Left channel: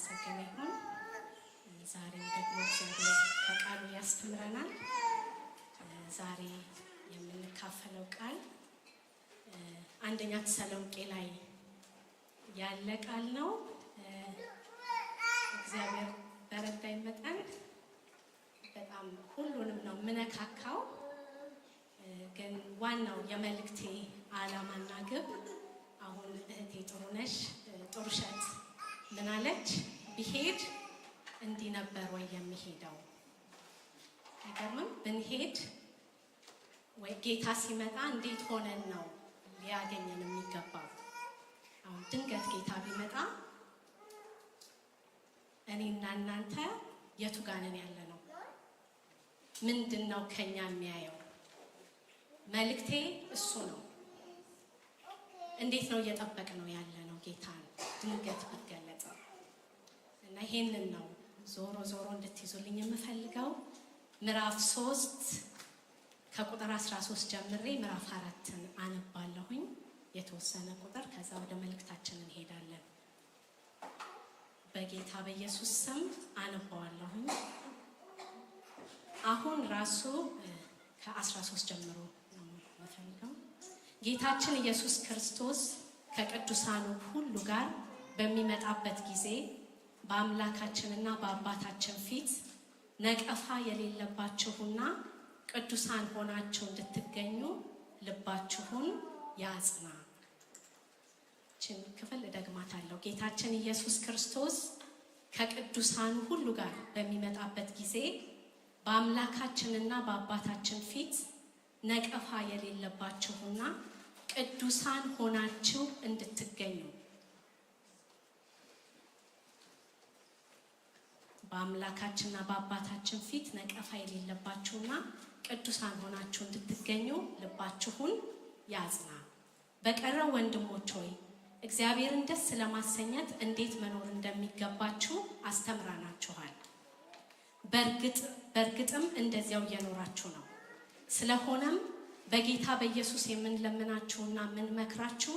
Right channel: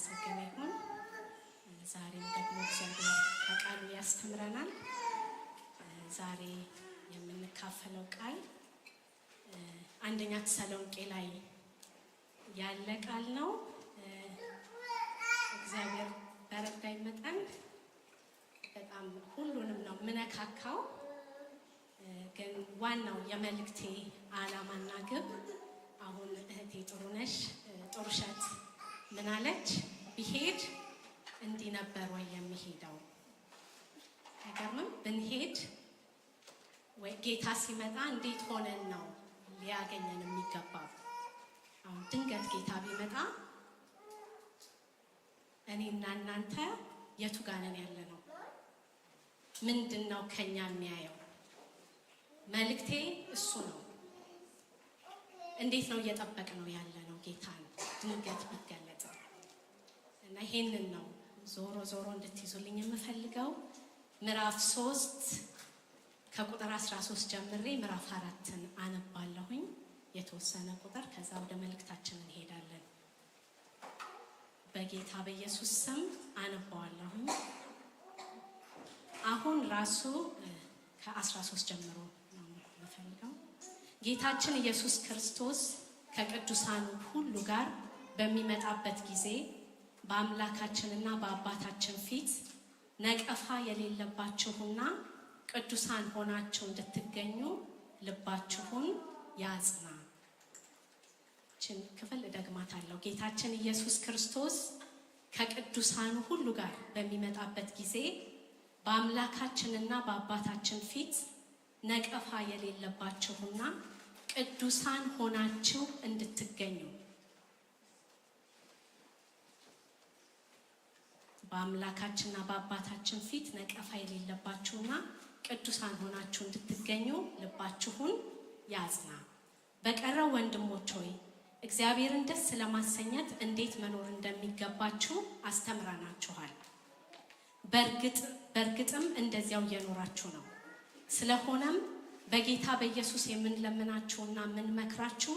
የተመሰገነ ይሁን። ዛሬም ደግሞ እግዚአብሔር ከቃሉ ያስተምረናል። ዛሬ የምንካፈለው ቃል አንደኛ ተሰሎንቄ ላይ ያለ ቃል ነው። እግዚአብሔር በረዳይ መጠን በጣም ሁሉንም ነው ምነካካው። ግን ዋናው የመልእክቴ ዓላማና ግብ አሁን እህቴ ጥሩሸት ምን አለች? ቢሄድ እንዲህ ነበር ወይ የሚሄደው? አይገርምም? ብንሄድ ወይ ጌታ ሲመጣ እንዴት ሆነን ነው ሊያገኘን የሚገባው? አሁን ድንገት ጌታ ቢመጣ እኔና እናንተ የቱ ጋር ነን ያለነው? ምንድነው ከኛ የሚያየው? መልእክቴ እሱ ነው። እንዴት ነው እየጠበቅነው ያለነው ጌታን ድንገት ቢገለጥ? እና ይሄንን ነው ዞሮ እንድትይዙልኝ የምፈልገው። ምዕራፍ 3 ከቁጥር 13 ጀምሬ ምዕራፍ 4ን አነባለሁኝ የተወሰነ ቁጥር፣ ከዛ ወደ መልእክታችን እንሄዳለን። በጌታ በኢየሱስ ስም አነባዋለሁኝ። አሁን ራሱ ከ13 ጀምሮ ነው የምፈልገው። ጌታችን ኢየሱስ ክርስቶስ ከቅዱሳኑ ሁሉ ጋር በሚመጣበት ጊዜ በአምላካችንና በአባታችን ፊት ነቀፋ የሌለባችሁና ቅዱሳን ሆናችሁ እንድትገኙ ልባችሁን ያጽና። ችን ክፍል እደግማታለሁ። ጌታችን ኢየሱስ ክርስቶስ ከቅዱሳኑ ሁሉ ጋር በሚመጣበት ጊዜ በአምላካችንና በአባታችን ፊት ነቀፋ የሌለባችሁና ቅዱሳን ሆናችሁ እንድትገኙ በአምላካችንና በአባታችን ፊት ነቀፋ የሌለባችሁና ቅዱሳን ሆናችሁ እንድትገኙ ልባችሁን ያጽና። በቀረው ወንድሞች ሆይ እግዚአብሔርን ደስ ለማሰኘት እንዴት መኖር እንደሚገባችሁ አስተምረናችኋል። በእርግጥም እንደዚያው እየኖራችሁ ነው። ስለሆነም በጌታ በኢየሱስ የምንለምናችሁና የምንመክራችሁ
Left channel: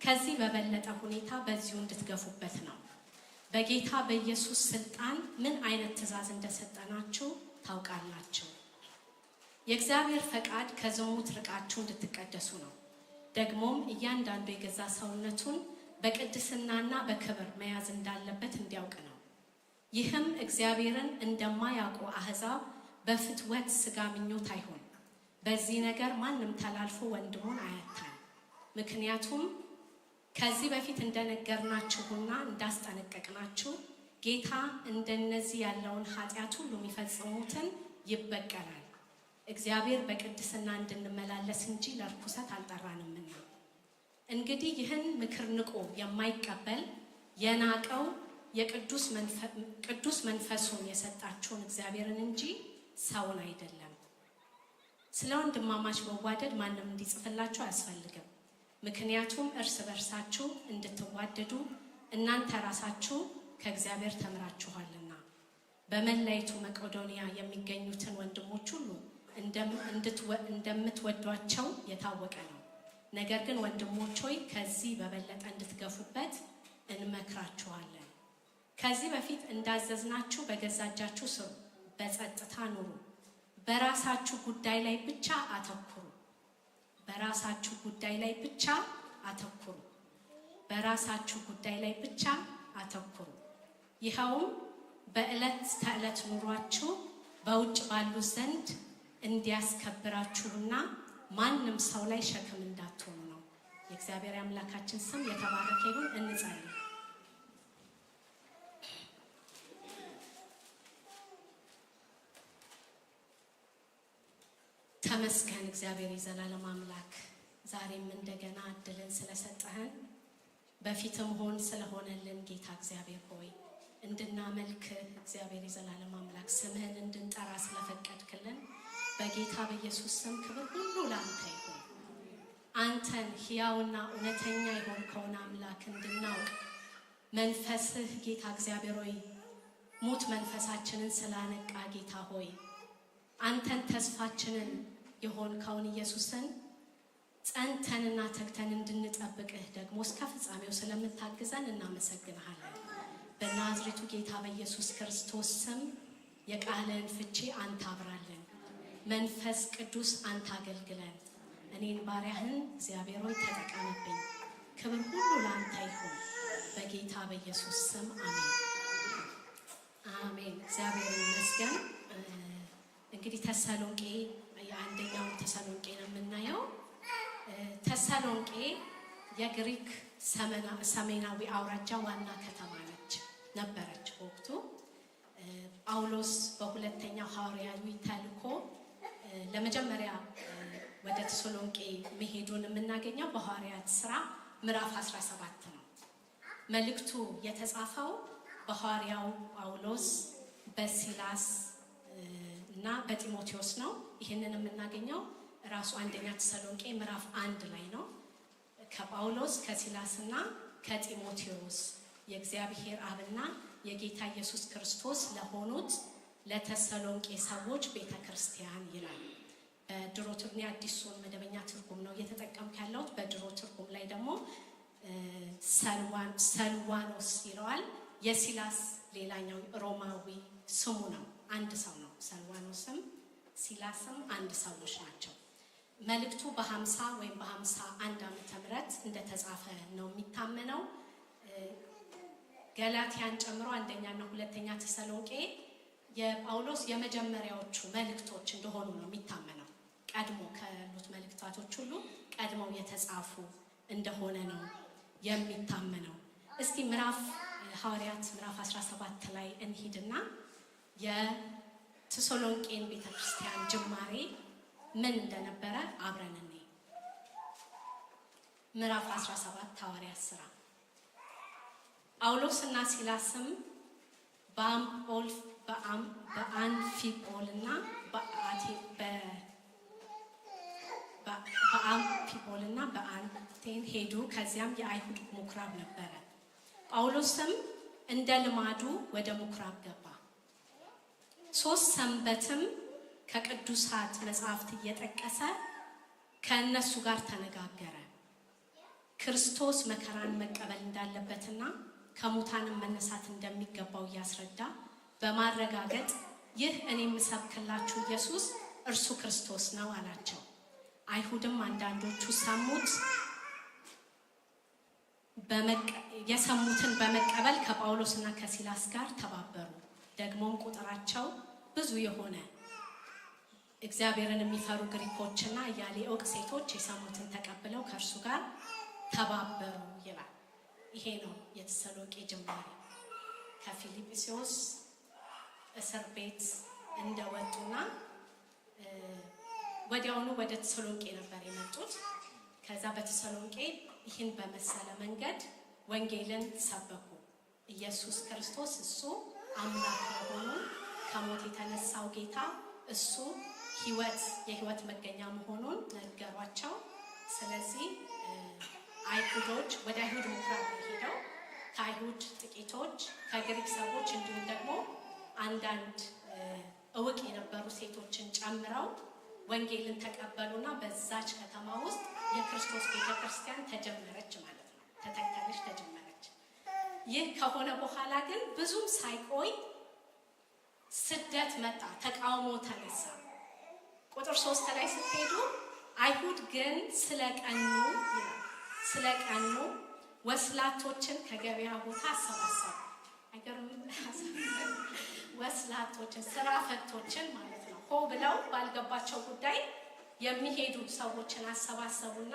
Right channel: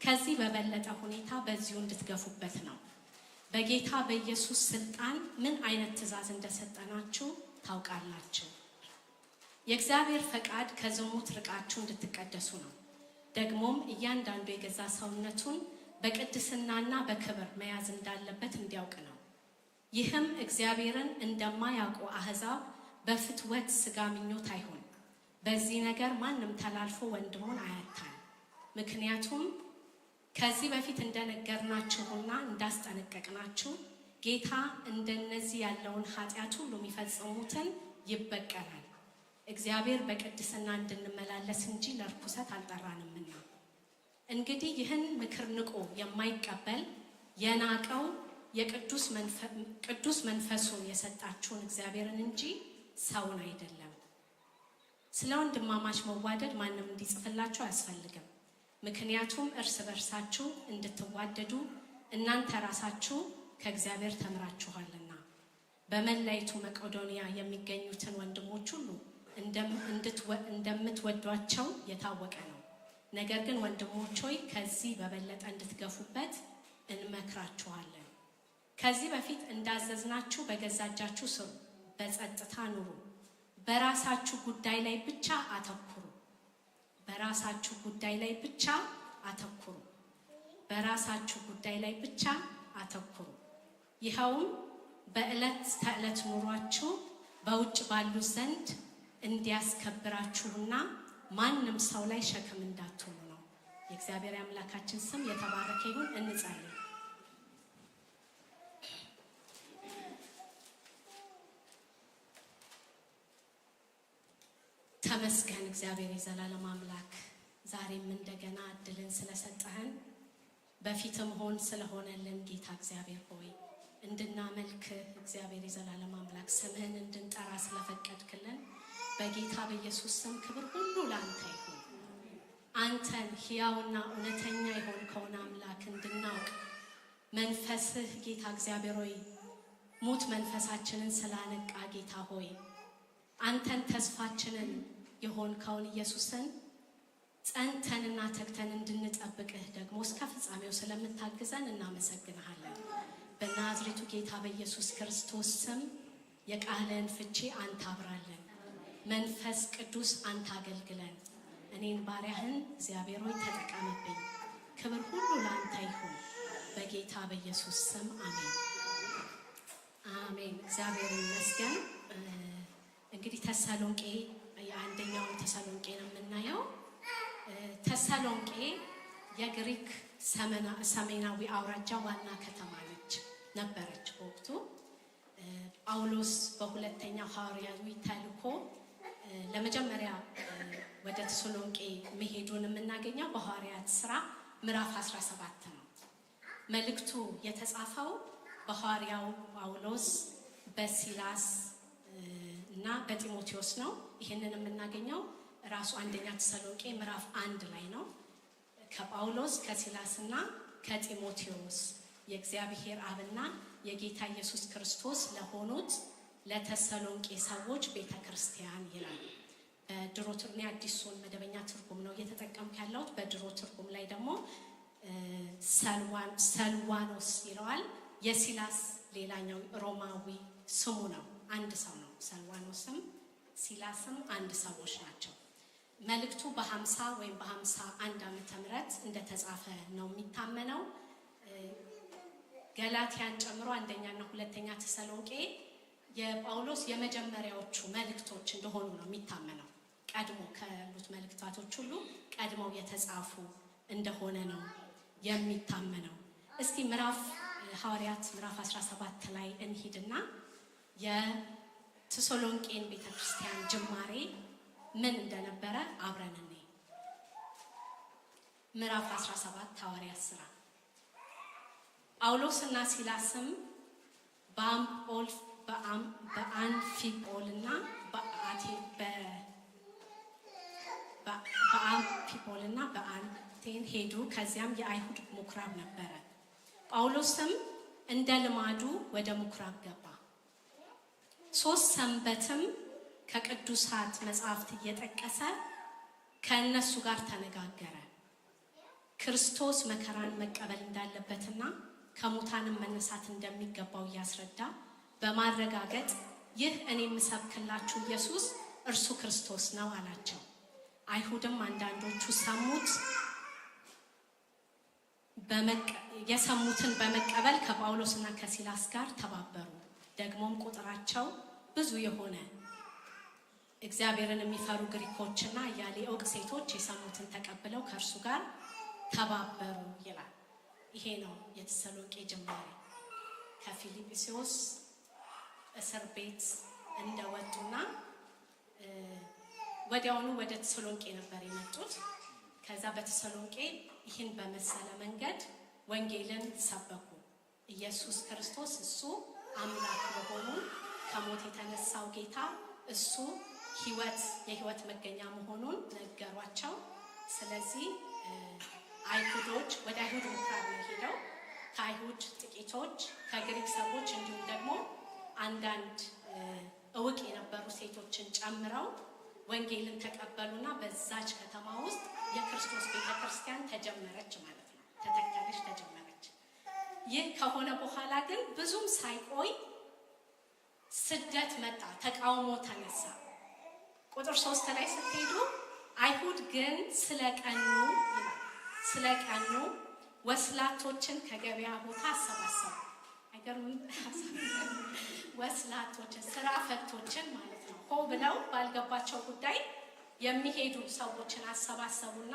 ከዚህ በበለጠ ሁኔታ በዚሁ እንድትገፉበት ነው። በጌታ በኢየሱስ ስልጣን ምን አይነት ትእዛዝ እንደሰጠናችሁ ታውቃላችሁ። የእግዚአብሔር ፈቃድ ከዝሙት ርቃችሁ እንድትቀደሱ ነው። ደግሞም እያንዳንዱ የገዛ ሰውነቱን በቅድስናና በክብር መያዝ እንዳለበት እንዲያውቅ ነው። ይህም እግዚአብሔርን እንደማያውቁ አሕዛብ በፍትወት ሥጋ ምኞት አይሆን። በዚህ ነገር ማንም ተላልፎ ወንድሙን አያታል። ምክንያቱም ከዚህ በፊት እንደነገርናችሁና እንዳስጠነቀቅናችሁ ጌታ እንደነዚህ ያለውን ኃጢአት ሁሉ የሚፈጽሙትን ይበቀላል። እግዚአብሔር በቅድስና እንድንመላለስ እንጂ ለርኩሰት አልጠራንምና። እንግዲህ ይህን ምክር ንቆ የማይቀበል የናቀው ቅዱስ መንፈሱን የሰጣችሁን እግዚአብሔርን እንጂ ሰውን አይደለም። ስለ ወንድማማች መዋደድ ማንም እንዲጽፍላችሁ አያስፈልግም። ምክንያቱም እርስ በርሳችሁ እንድትዋደዱ እናንተ ራሳችሁ ከእግዚአብሔር ተምራችኋልና። በመላይቱ መቄዶንያ የሚገኙትን ወንድሞች ሁሉ እንደምትወዷቸው የታወቀ ነው። ነገር ግን ወንድሞች ሆይ ከዚህ በበለጠ እንድትገፉበት እንመክራችኋለን። ከዚህ በፊት እንዳዘዝናችሁ በገዛ እጃችሁ ስሩ፣ በጸጥታ ኑሩ። በራሳችሁ ጉዳይ ላይ ብቻ አተኩሩ። በራሳችሁ ጉዳይ ላይ ብቻ አተኩሩ። በራሳችሁ ጉዳይ ላይ ብቻ አተኩሩ። ይኸውም በዕለት ተዕለት ኑሯችሁ በውጭ ባሉ ዘንድ እንዲያስከብራችሁና ማንም ሰው ላይ ሸክም እንዳትሆኑ ነው። የእግዚአብሔር አምላካችን ስም የተባረከ ይሁን። እንጸልይ። ተመስገን እግዚአብሔር የዘላለም አምላክ፣ ዛሬም እንደገና እድልን ስለሰጠህን በፊትም ሆን ስለሆነልን ጌታ እግዚአብሔር ሆይ እንድናመልክህ እግዚአብሔር የዘላለም አምላክ ስምህን እንድንጠራ ስለፈቀድክልን በጌታ በኢየሱስ ስም ክብር ሁሉ ለአንተ ይሁን። አንተን ሕያውና እውነተኛ የሆንከውን አምላክ እንድናውቅ መንፈስህ ጌታ እግዚአብሔር ሆይ ሙት መንፈሳችንን ስላነቃ ጌታ ሆይ አንተን ተስፋችንን የሆንከውን ኢየሱስን ጸንተንና ተግተን እንድንጠብቅህ ደግሞ እስከ ፍጻሜው ስለምታግዘን እናመሰግንሃለን። በናዝሬቱ ጌታ በኢየሱስ ክርስቶስ ስም የቃልን ፍቺ አንተ አብራለን። መንፈስ ቅዱስ አንተ አገልግለን። እኔን ባሪያህን እግዚአብሔር ሆይ ተጠቀምብኝ። ክብር ሁሉ ለአንተ ይሁን በጌታ በኢየሱስ ስም አሜን አሜን። እግዚአብሔር ይመስገን። እንግዲህ ተሰሎንቄ የአንደኛውን ተሰሎንቄ ነው የምናየው። ተሰሎንቄ የግሪክ ሰሜናዊ አውራጃ ዋና ከተማ ነበረች በወቅቱ። ጳውሎስ በሁለተኛው ሐዋርያዊ ተልእኮ ለመጀመሪያ ወደ ተሰሎንቄ መሄዱን የምናገኘው በሐዋርያት ሥራ ምዕራፍ 17 ነው። መልእክቱ የተጻፈው በሐዋርያው ጳውሎስ በሲላስ እና በጢሞቴዎስ ነው። ይህንን የምናገኘው ራሱ አንደኛ ተሰሎንቄ ምዕራፍ 1 ላይ ነው። ከጳውሎስ ከሲላስና ከጢሞቴዎስ የእግዚአብሔር አብና የጌታ ኢየሱስ ክርስቶስ ለሆኑት ለተሰሎንቄ ሰዎች ቤተክርስቲያን ይላል። በድሮ ትርጉም አዲሱን መደበኛ ትርጉም ነው እየተጠቀምኩ ያለሁት። በድሮ ትርጉም ላይ ደግሞ ሰልዋኖስ ይለዋል። የሲላስ ሌላኛው ሮማዊ ስሙ ነው። አንድ ሰው ነው። ሰልዋኖስም ሲላስም አንድ ሰዎች ናቸው። መልእክቱ በ50 ወይም በ51 ዓመተ ምህረት እንደተጻፈ ነው የሚታመነው። ገላትያን ጨምሮ አንደኛና ሁለተኛ ተሰሎንቄ የጳውሎስ የመጀመሪያዎቹ መልእክቶች እንደሆኑ ነው የሚታመነው። ቀድሞ ካሉት መልእክታቶች ሁሉ ቀድመው የተጻፉ እንደሆነ ነው የሚታመነው። እስቲ ሐዋርያት ምዕራፍ 17 ላይ እንሂድና የተሰሎንቄን ቤተክርስቲያን ጅማሬ ምን እንደነበረ አብረን እንይ። ምዕራፍ 17 ሐዋርያት ሥራ። ጳውሎስና ሲላስም በአንፊጶልና በአንቴን ሄዱ። ከዚያም የአይሁድ ምኩራብ ነበረ። ጳውሎስም እንደ ልማዱ ወደ ምኩራብ ገባ። 3 ሰንበትም ከቅዱሳት መጻሕፍት እየጠቀሰ ከእነሱ ጋር ተነጋገረ። ክርስቶስ መከራን መቀበል እንዳለበትና ከሙታንም መነሳት እንደሚገባው እያስረዳ በማረጋገጥ ይህ እኔ የምሰብክላችሁ ኢየሱስ እርሱ ክርስቶስ ነው አላቸው። አይሁድም አንዳንዶቹ የሰሙትን በመቀበል ከጳውሎስና ከሲላስ ጋር ተባበሩ። ደግሞም ቁጥራቸው ብዙ የሆነ እግዚአብሔርን የሚፈሩ ግሪኮችና ያለ ዕውቅ ሴቶች የሰሙትን ተቀብለው ከእርሱ ጋር ተባበሩ ይላል። ይሄ ነው የተሰሎንቄ ጅማሬ። ከፊልጵስዩስ እስር ቤት እንደወጡና ወዲያውኑ ወደ ተሰሎንቄ ነበር የመጡት። ከዛ በተሰሎንቄ ይህን በመሰለ መንገድ ወንጌልን ሰበኩ። ኢየሱስ ክርስቶስ እሱ አምላክ መሆኑን፣ ከሞት የተነሳው ጌታ እሱ የህይወት መገኛ መሆኑን ነገሯቸው። ስለዚህ አይሁዶች ወደ አይሁድ ምኩራብ ነው ሄደው ከአይሁድ ጥቂቶች ከግሪክ ሰዎች እንዲሁም ደግሞ አንዳንድ ዕውቅ የነበሩ ሴቶችን ጨምረው ወንጌልን ተቀበሉና በዛች ከተማ ውስጥ የክርስቶስ ቤተክርስቲያን ተጀመረች ማለት ነው። ተጀመረች። ይህ ከሆነ በኋላ ግን ብዙም ሳይቆይ ስደት መጣ፣ ተቃውሞ ተነሳ። ቁጥር 3 ላይ ስትሄዱ አይሁድ ግን ስለቀኑ ወስላቶችን ከገበያ ቦታ አሰባሰቡ። አይገርምም? ወስላቶችን፣ ስራ ፈቶችን ማለት ነው። ሆ ብለው ባልገባቸው ጉዳይ የሚሄዱ ሰዎችን አሰባሰቡና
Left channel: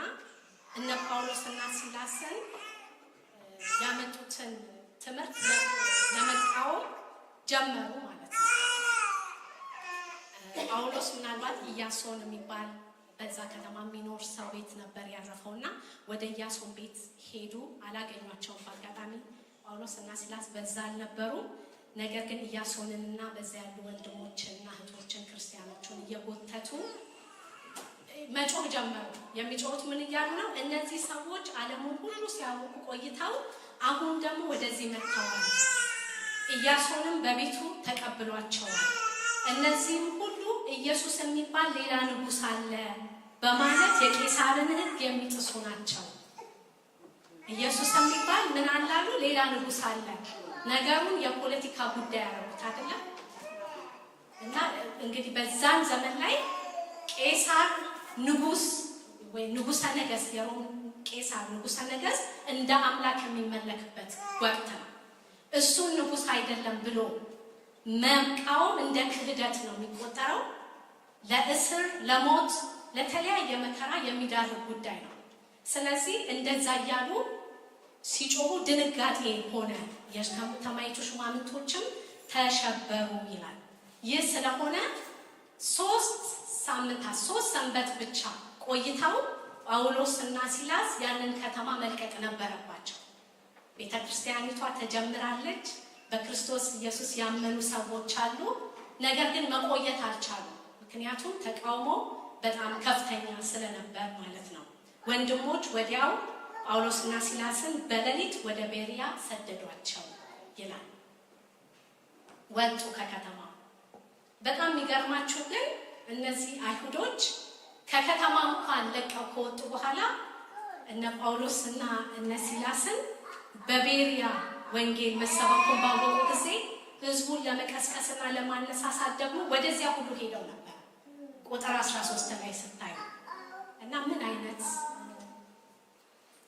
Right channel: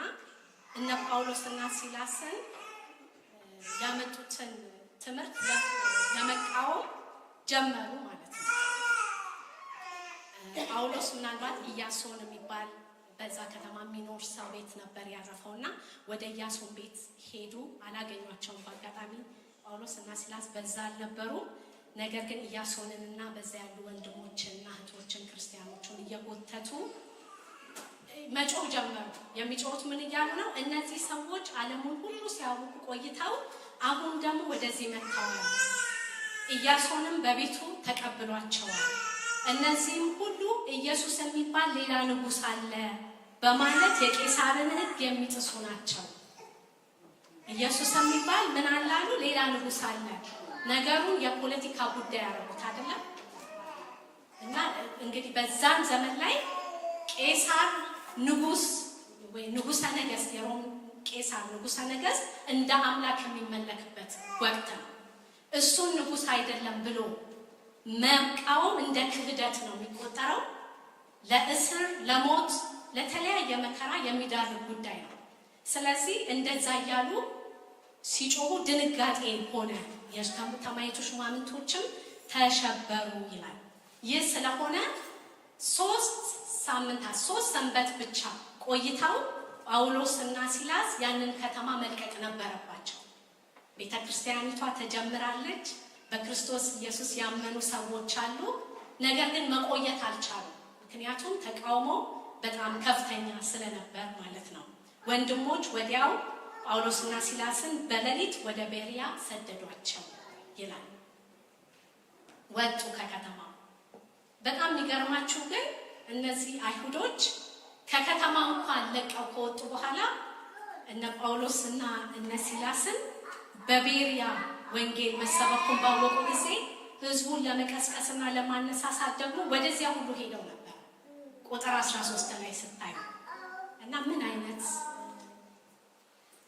እነ ጳውሎስና ሲላስን ያመጡትን ትምህርት ለመቃወም ጀመሩ ማለት ነው። ጳውሎስ ምናልባት ኢያሶን የሚባል በዛ ከተማ የሚኖር ሰው ቤት ነበር ያረፈውና ወደ ኢያሶን ቤት ሄዱ። አላገኟቸውም። በአጋጣሚ ጳውሎስና ሲላስ በዛ አልነበሩ። ነገር ግን ኢያሶንንና በዛ ያሉ ወንድሞችንና እህቶችን ክርስቲያኖችን እየጎተቱ መጮህ ጀመሩ። የሚጮሁት ምን እያሉ ነው? እነዚህ ሰዎች ዓለሙን ሁሉ ሲያውቁ ቆይተው አሁን ደግሞ ወደዚህ መጥተዋል። ኢያሶንም በቤቱ ተቀብሏቸዋል። እነዚህም ሁሉ ኢየሱስ የሚባል ሌላ ንጉሥ አለ በማለት የቄሳርን ሕግ የሚጥሱ ናቸው። ኢየሱስ የሚባል ምን አላሉ? ሌላ ንጉሥ አለ። ነገሩን የፖለቲካ ጉዳይ ያደረጉት አይደለም። እና እንግዲህ በዛን ዘመን ላይ ቄሳር ንጉስ ወይ ንጉሠ ነገሥት የሮም ቄሳር ንጉሠ ነገሥት እንደ አምላክ የሚመለክበት ወቅት ነው። እሱን ንጉስ አይደለም ብሎ መቃወም እንደ ክህደት ነው የሚቆጠረው። ለእስር፣ ለሞት፣ ለተለያየ መከራ የሚዳርግ ጉዳይ ነው። ስለዚህ እንደዛ እያሉ ሲጮሁ ድንጋጤ ሆነ፣ የከተማይቱ ሹማምንቶችም ተሸበሩ ይላል። ይህ ስለሆነ 3 ሰንበት ብቻ ቆይተው ጳውሎስና ሲላስ ያንን ከተማ መልቀቅ ነበረባቸው። ቤተክርስቲያኒቷ ተጀምራለች። በክርስቶስ ኢየሱስ ያመኑ ሰዎች አሉ። ነገር ግን መቆየት አልቻሉም። ምክንያቱም ተቃውሞ በጣም ከፍተኛ ስለነበር ማለት ነው። ወንድሞች ወዲያው ጳውሎስና ሲላስን በሌሊት ወደ ቤሪያ ሰደዷቸው ይላል። ወጡ ከከተማ። በጣም የሚገርማችሁ ግን እነዚህ አይሁዶች ከከተማ እንኳን ለቀው ከወጡ በኋላ እነ ጳውሎስና እነ ሲላስን በቤሪያ ወንጌል መሰበኩን ባወቁ ጊዜ ህዝቡን ለመቀስቀስና ለማነሳሳት ደግሞ ወደዚያ ሁሉ ሄደው ነበር። ቁጥር 13 ላይ ስታዩ እና ምን አይነት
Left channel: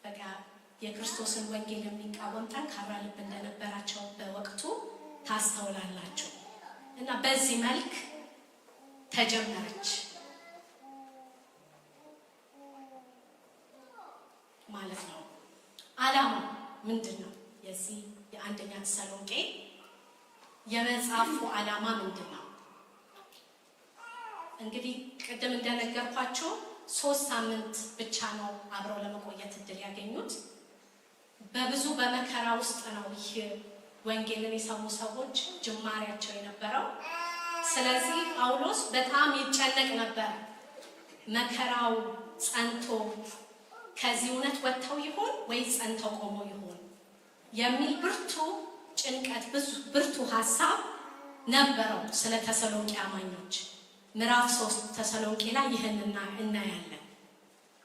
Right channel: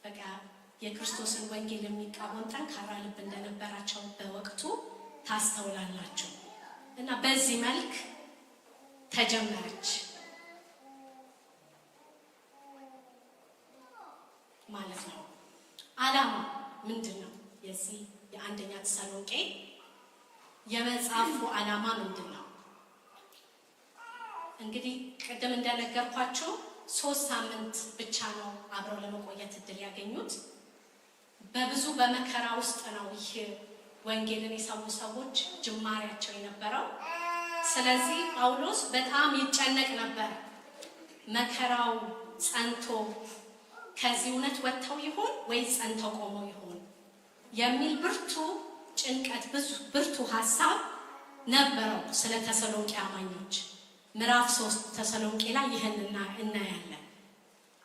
በቃ የክርስቶስን ወንጌል የሚቃወም ጠንካራ ልብ እንደነበራቸው በወቅቱ ታስተውላላችሁ። እና በዚህ መልክ ተጀመረች ማለት ነው። ዓላማው ምንድነው? የዚህ የአንደኛ ተሰሎንቄ የመጽሐፉ ዓላማ ምንድነው? እንግዲህ ቅድም እንደነገርኳችሁ 3 ሳምንት ብቻ ነው አብረው ለመቆየት እድል ያገኙት። በብዙ በመከራ ውስጥ ነው ይህ ወንጌልን የሰሙ ሰዎች ጅማሬያቸው የነበረው። ስለዚህ ጳውሎስ በጣም ይጨነቅ ነበር። መከራው ጸንቶ ከዚህ እውነት ወጥተው ይሆን ወይስ ጸንተው ቆመው ይሆን የሚል ብርቱ ጭንቀት፣ ብርቱ ሐሳብ ነበረው ስለ ተሰሎንቄ አማኞች። ምዕራፍ 3 ተሰሎንቄ ላይ ይህንን እናያለን።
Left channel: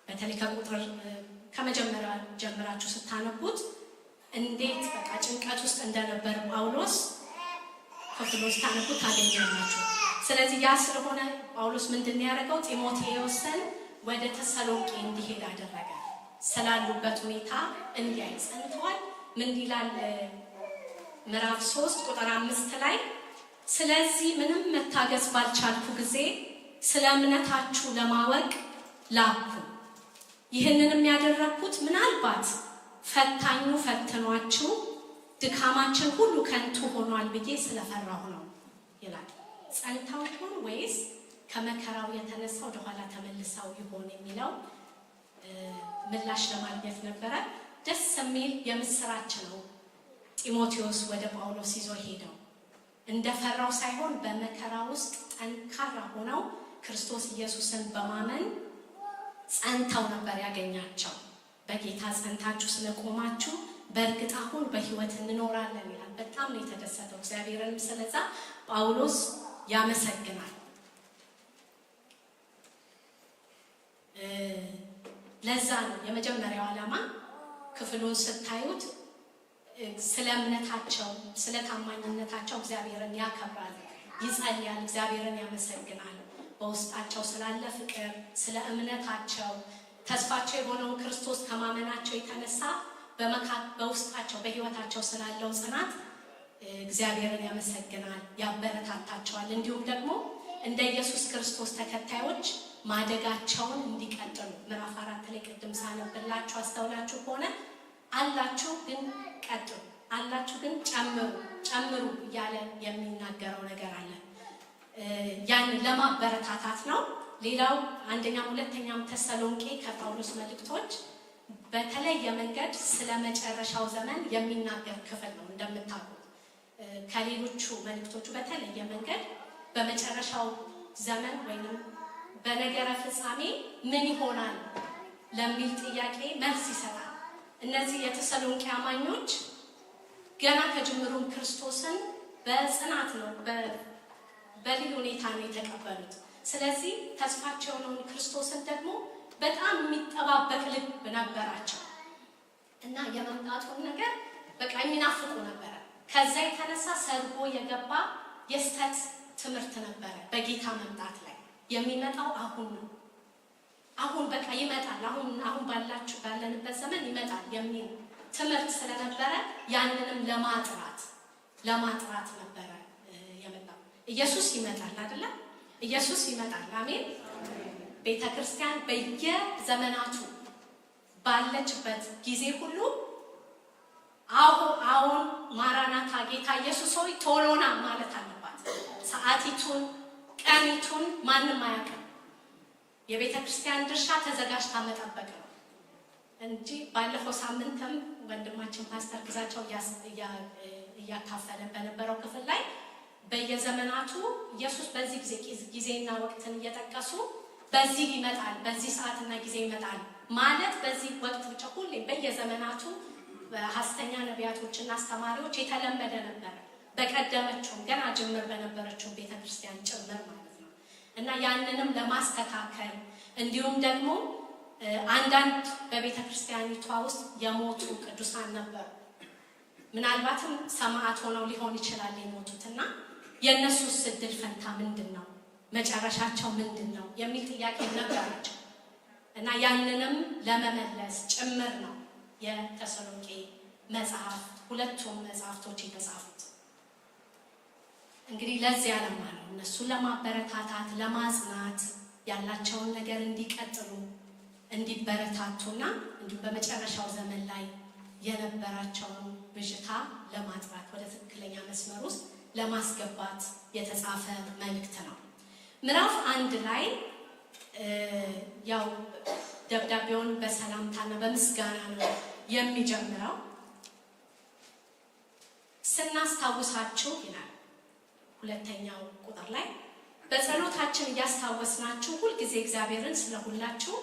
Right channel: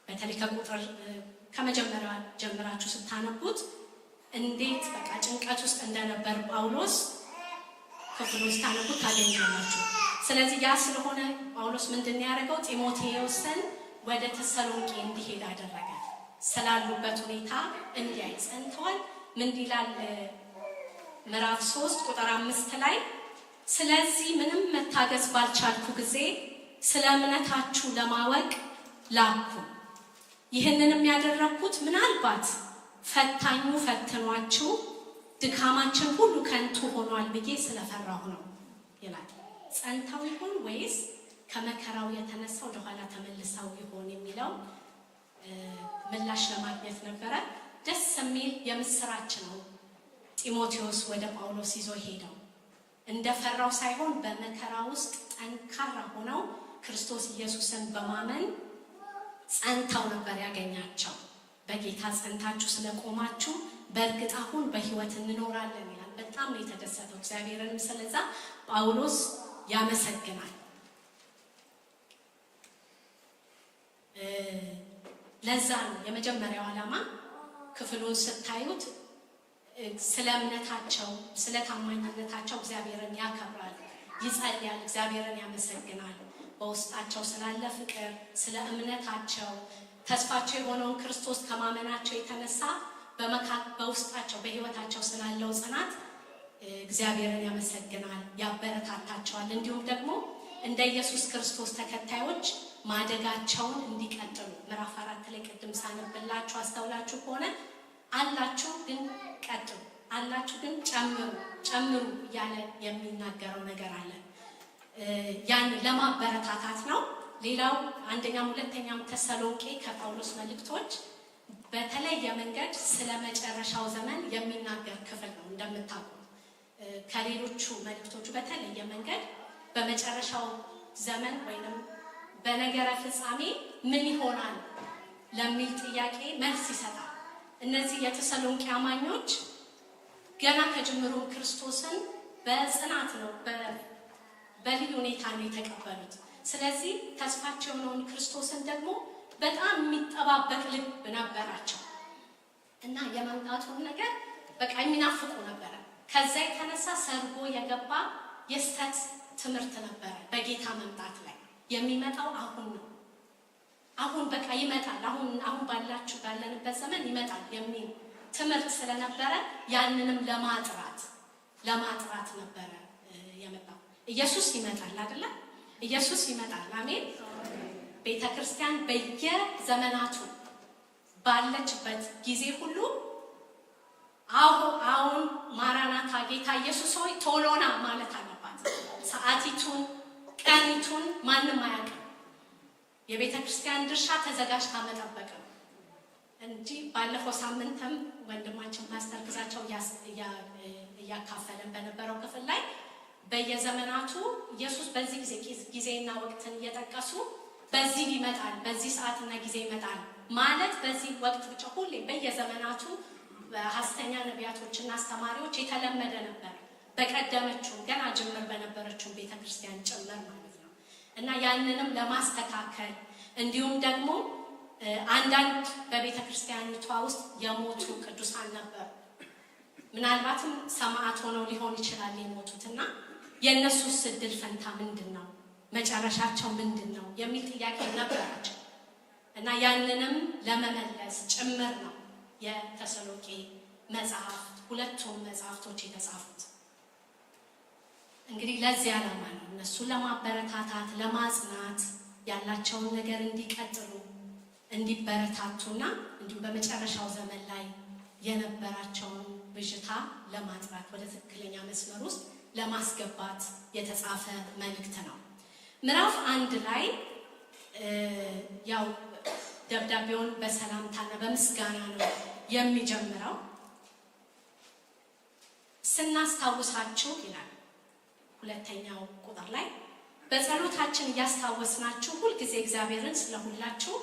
በተለይ ከመጀመሪያው ጀምራችሁ ስታነቡት እንዴት በቃ ጭንቀት ውስጥ እንደነበር ጳውሎስ ክፍሉን ስታነቡት ታገኛላችሁ። ስለዚህ ያ ስለሆነ ጳውሎስ ምንድነው ያደረገው? ጢሞቴዎስን ወደ ተሰሎንቄ እንዲሄድ አደረገ። ስላሉበት ሁኔታ እንዲያይ ጸንተዋል። ምን ይላል? ምዕራፍ 3 ቁጥር 5 ላይ ስለዚህ ምንም መታገስ ባልቻልኩ ጊዜ ስለ እምነታችሁ ለማወቅ ላኩ። ይህንንም ያደረኩት ምናልባት ፈታኙ ፈትኗችሁ ድካማችን ሁሉ ከንቱ ሆኗል ብዬ ስለፈራሁ ነው ይላል። ጸንተው ይሆን ወይስ ከመከራው የተነሳ ወደ ኋላ ተመልሰው ይሆን የሚለው ምላሽ ለማግኘት ነበረ። ደስ የሚል የምስራች ነው። ጢሞቴዎስ ወደ ጳውሎስ ይዞ ሄደው እንደፈራው ሳይሆን በመከራ ውስጥ ጠንካራ ሆነው ክርስቶስ ኢየሱስን በማመን ጸንተው ነበር ያገኛቸው። በጌታ ጸንታችሁ ስለቆማችሁ በእርግጥ አሁን በሕይወት እንኖራለን ይላል። በጣም ነው የተደሰተው። እግዚአብሔርንም ስለዛ ጳውሎስ ያመሰግናል። ለዛ ነው የመጀመሪያው ዓላማ ክፍሉን ስታዩት ስለ እምነታቸው፣ ስለ ታማኝነታቸው እግዚአብሔርን ያከብራል፣ ይጸልያል፣ እግዚአብሔርን ያመሰግናል። በውስጣቸው ስላለ ፍቅር፣ ስለ እምነታቸው ተስፋቸው የሆነውን ክርስቶስ ከማመናቸው የተነሳ በውስጣቸው በሕይወታቸው ስላለው ጽናት እግዚአብሔርን ያመሰግናል፣ ያበረታታቸዋል። እንዲሁም ደግሞ እንደ ኢየሱስ ክርስቶስ ተከታዮች ማደጋቸውን እንዲቀጥሉ ምዕራፍ 4 ላይ ቅድም ሳነብላችሁ አስተውላችሁ ከሆነ አላችሁ ግን ቀጥሉ፣ አላችሁ ግን ጨምሩ እያለ የሚናገረው ነገር አለ። ያን ለማበረታታት ነው። ሌላው አንደኛም ሁለተኛም ተሰሎንቄ ከጳውሎስ መልእክቶች በተለየ መንገድ ስለ መጨረሻው ዘመን የሚናገር ክፍል ነው። እንደምታውቁት ከሌሎቹ መልእክቶቹ በተለየ መንገድ በመጨረሻው ዘመን ወይንም በነገረ ፍጻሜ ምን ይሆናል ለሚል ጥያቄ መልስ ይሰጣል። እነዚህ የተሰሎንቄ አማኞች ገና ከጅምሩም ክርስቶስን በጽናት ነው በልዩ ሁኔታ ነው የተቀበሉት። ስለዚህ ተስፋቸው የሆነውን ክርስቶስን ደግሞ በጣም የሚጠባበቅ ልብ ነበራቸው እና የመምጣቱን ነገር በቃ የሚናፍቁ ነበረ። ከዛ የተነሳ ሰርጎ የገባ የስተት ትምህርት ነበረ። በጌታ መምጣት ላይ የሚመጣው አሁን ነው፣ አሁን በቃ ይመጣል፣ አሁን ባለንበት ዘመን ይመጣል የሚል ትምህርት ስለነበረ ያንንም ለማጥራት ነበረ የመጣው። ኢየሱስ ይመጣል አይደለ? ኢየሱስ ይመጣል። አሜን። ቤተክርስቲያን በየዘመናቱ ባለችበት ጊዜ ሁሉ አሁን ማራናታ ጌታ ኢየሱስ ሆይ ቶሎና ማለት አለባት። ሰዓቲቱን ቀኒቱን ማንም አያውቅም። የቤተክርስቲያን ድርሻ ተዘጋጅታ መጠበቅ ነው እንጂ ባለፈው ሳምንትም ወንድማችን ፓስተር ግዛቸው እያካፈለን በነበረው ክፍል ላይ በየዘመናቱ ኢየሱስ በዚህ ጊዜና ወቅትን እየጠቀሱ በዚህ ይመጣል፣ በዚህ ሰዓትና ጊዜ ይመጣል ማለት በዚህ ወቅት ብቻ ሁሌ በየዘመናቱ በሐሰተኛ ነቢያቶችና አስተማሪዎች የተለመደ ነበር። በቀደመችው ገና ጅምር በነበረችው ቤተክርስቲያን ጭምር ማለት ነው። እና ያንንም ለማስተካከል እንዲሁም ደግሞ አንዳንድ በቤተክርስቲያኒቷ ውስጥ የሞቱ ቅዱሳን ነበሩ። ምናልባትም ሰማዕት ሆነው ሊሆን ይችላል የሞቱትና የእነሱስ ዕድል ፈንታ ምንድነው? መጨረሻቸው ምንድነው? የሚል ጥያቄ ነበራቸው። እና ያንንም ለመመለስ ጭምር ነው የተሰሎንቄ መጽሐፍ ሁለቱም መጽሐፍቶች የተጻፉት። እንግዲህ ለዚህ ዓላማ ነው፣ እነሱን ለማበረታታት ለማጽናት፣ ያላቸውን ነገር እንዲቀጥሉ እንዲበረታቱና እንዲሁም በመጨረሻው ዘመን ላይ የነበራቸውን ብዥታ ለማጥራት ወደ ትክክለኛ መስመር ውስጥ ለማስገባት የተጻፈ መልእክት ነው። ምዕራፍ 1 ላይ ያው ደብዳቤውን በሰላምታና በምስጋና ነው የሚጀምረው። ስናስታውሳችሁ ይላል ሁለተኛው ቁጥር ላይ በጸሎታችን እያስታወስናችሁ ሁልጊዜ እግዚአብሔርን ስለሁላችሁ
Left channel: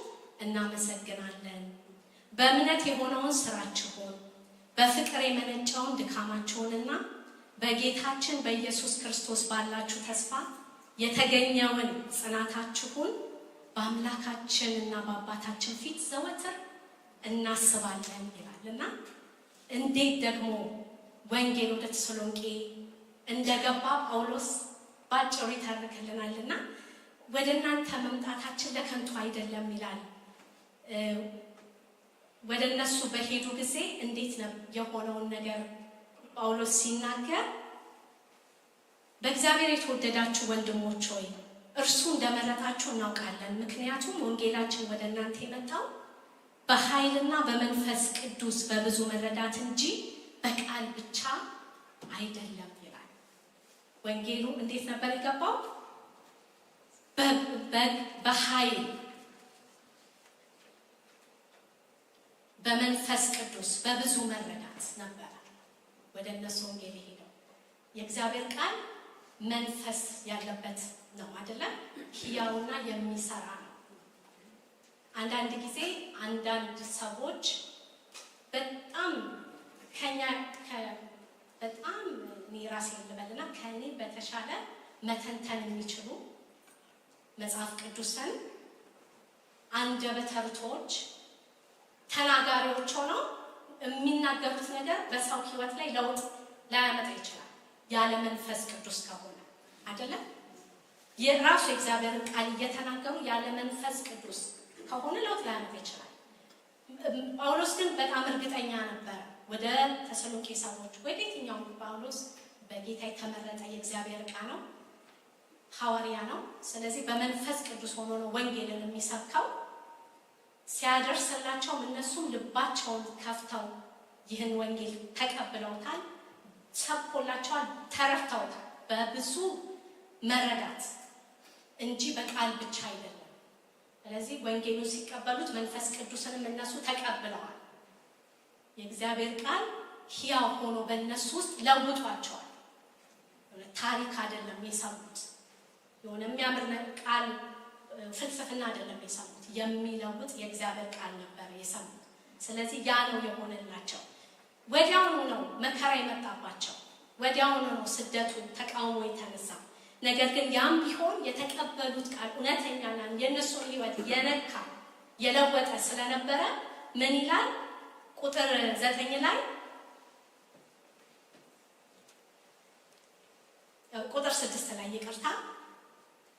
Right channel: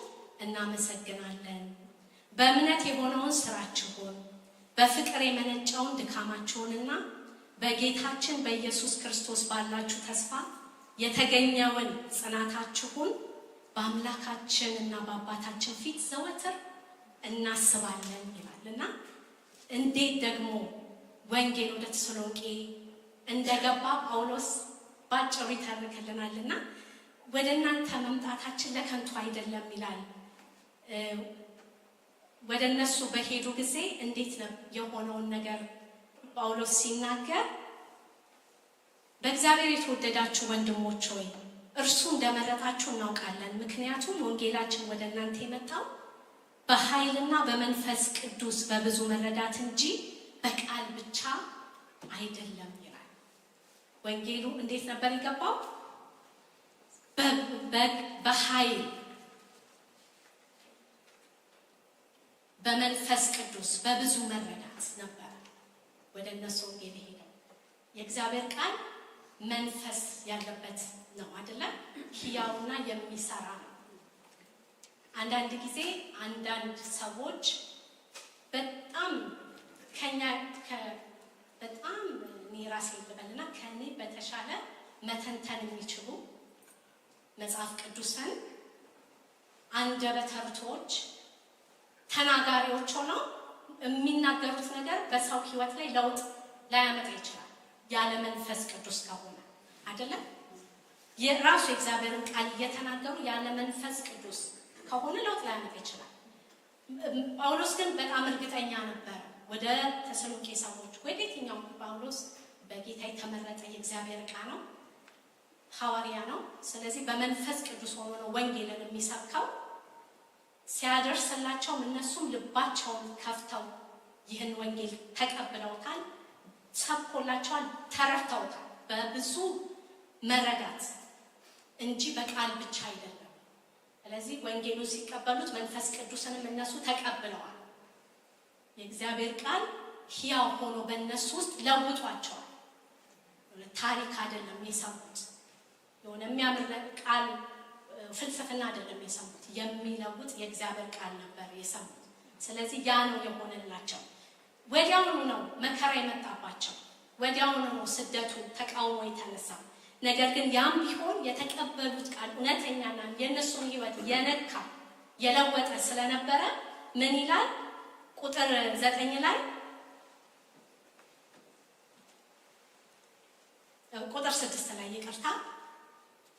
እናመሰግናለን። በእምነት የሆነውን ስራችሁን፣ በፍቅር የመነጨውን ድካማችሁንና በጌታችን በኢየሱስ ክርስቶስ ባላችሁ ተስፋ የተገኘውን ጽናታችሁን በአምላካችን እና በአባታችን ፊት ዘወትር እናስባለን ይላልና እንዴት ደግሞ ወንጌል ወደ ተሰሎንቄ እንደገባ ጳውሎስ ባጭሩ ይተርክልናልና ወደ እናንተ መምጣታችን ለከንቱ አይደለም ይላል። ወደ እነሱ በሄዱ ጊዜ እንዴት ነው የሆነውን ነገር ጳውሎስ ሲናገር በእግዚአብሔር የተወደዳችሁ ወንድሞች ሆይ እርሱ እንደመረጣችሁ እናውቃለን። ምክንያቱም ወንጌላችን ወደ እናንተ የመጣው በኃይልና በመንፈስ ቅዱስ በብዙ መረዳት እንጂ በቃል ብቻ አይደለም ይላል። ወንጌሉ እንዴት ነበር የገባው? በኃይል በመንፈስ ቅዱስ በብዙ መረዳት ነበር ወደ እነሱ ወንጌል ሄደው። የእግዚአብሔር ቃል መንፈስ ያለበት ነው አይደለ? ሕያውና የሚሰራ ነው። አንዳንድ ጊዜ አንዳንድ ሰዎች በጣም በጣም እኔ ራሴ ልበልና ከኔ በተሻለ መተንተን የሚችሉ መጽሐፍ ቅዱስን አንደበተ ርቱዓኖች ተናጋሪዎች ሆነው የሚናገሩት ነገር በሰው ሕይወት ላይ ለውጥ ላያመጣ ይችላል ያለ መንፈስ ቅዱስ ከሆነ አይደለም። የራሱ የእግዚአብሔርን ቃል እየተናገሩ ያለ መንፈስ ቅዱስ ከሆነ ለውጥ ላያመጣ ይችላል። ጳውሎስ ግን በጣም እርግጠኛ ነበር። ወደ ተሰሎንቄ ሰዎች ወደ የትኛው ጳውሎስ በጌታ የተመረጠ የእግዚአብሔር ዕቃ ነው፣ ሐዋርያ ነው። ስለዚህ በመንፈስ ቅዱስ ሆኖ ነው ወንጌልን የሚሰብከው። ሲያደርስላቸው እነሱም ልባቸውን ከፍተው ይህን ወንጌል ተቀብለውታል፣ ሰብኮላቸዋል፣ ተረድተውታል። በብዙ መረዳት እንጂ በቃል ብቻ አይደለም። ስለዚህ ወንጌሉን ሲቀበሉት መንፈስ ቅዱስንም እነሱ ተቀብለዋል። የእግዚአብሔር ቃል ሕያው ሆኖ በእነሱ ውስጥ ለውጧቸዋል። ታሪክ አይደለም የሰሙት፣ የሆነ የሚያምር ቃል ፍልስፍና አይደለም የሰሙት፣ የሚለውጥ የእግዚአብሔር ቃል ነበር የሰሙት። ስለዚህ ያ ነው የሆነላቸው። ወዲያውኑ ነው መከራ የመጣባቸው፣ ወዲያውኑ ነው ስደቱ፣ ተቃውሞ የተነሳ። ነገር ግን ያም ቢሆን የተቀበሉት ቃል እውነተኛና የእነሱን ሕይወት የነካ የለወጠ ስለነበረ ምን ይላል? ቁጥር 9 ላይ ቁጥር 6 ላይ ይቅርታ፣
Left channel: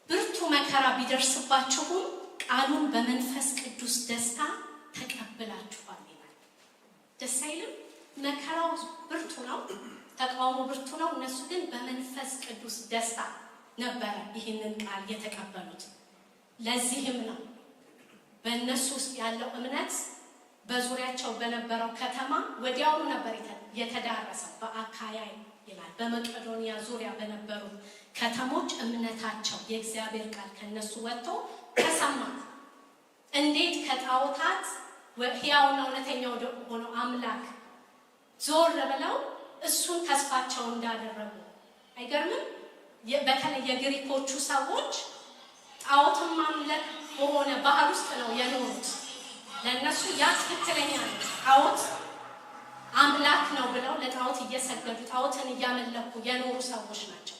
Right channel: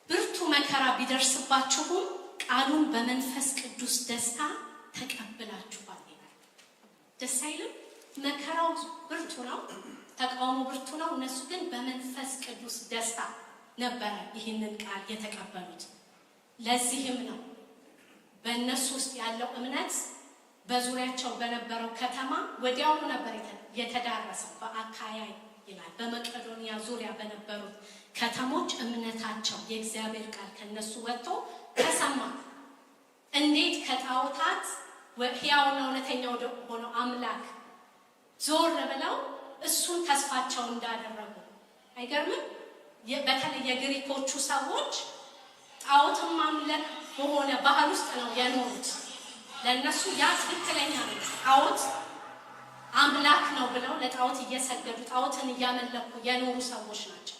ብርቱ መከራ ቢደርስባችሁም ቃሉን በመንፈስ ቅዱስ ደስታ ተቀብላችኋል ይላል። ደስ አይልም? መከራው ብርቱ ነው፣ ተቃውሞ ብርቱ ነው። እነሱ ግን በመንፈስ ቅዱስ ደስታ ነበረ ይህንን ቃል የተቀበሉት። ለዚህም ነው በእነሱ ውስጥ ያለው እምነት በዙሪያቸው በነበረው ከተማ ወዲያውኑ ነበር የተዳረሰው። በአካያ ይላል በመቄዶንያ ዙሪያ በነበሩት ከተሞች እምነታቸው የእግዚአብሔር ቃል ከነሱ ወጥቶ ተሰማ። እንዴት ከጣዖታት ሕያውና እውነተኛ ወደ ሆነው አምላክ ዞር ብለው እሱን ተስፋቸው እንዳደረጉ አይገርምም? በተለይ የግሪኮቹ ሰዎች ጣዖትን ማምለክ በሆነ ባህል ውስጥ ነው የኖሩት። ለነሱ ያ ትክክለኛ ነው። ጣዖት አምላክ ነው ብለው ለጣዖት እየሰገዱ ጣዖትን እያመለኩ የኖሩ ሰዎች ናቸው።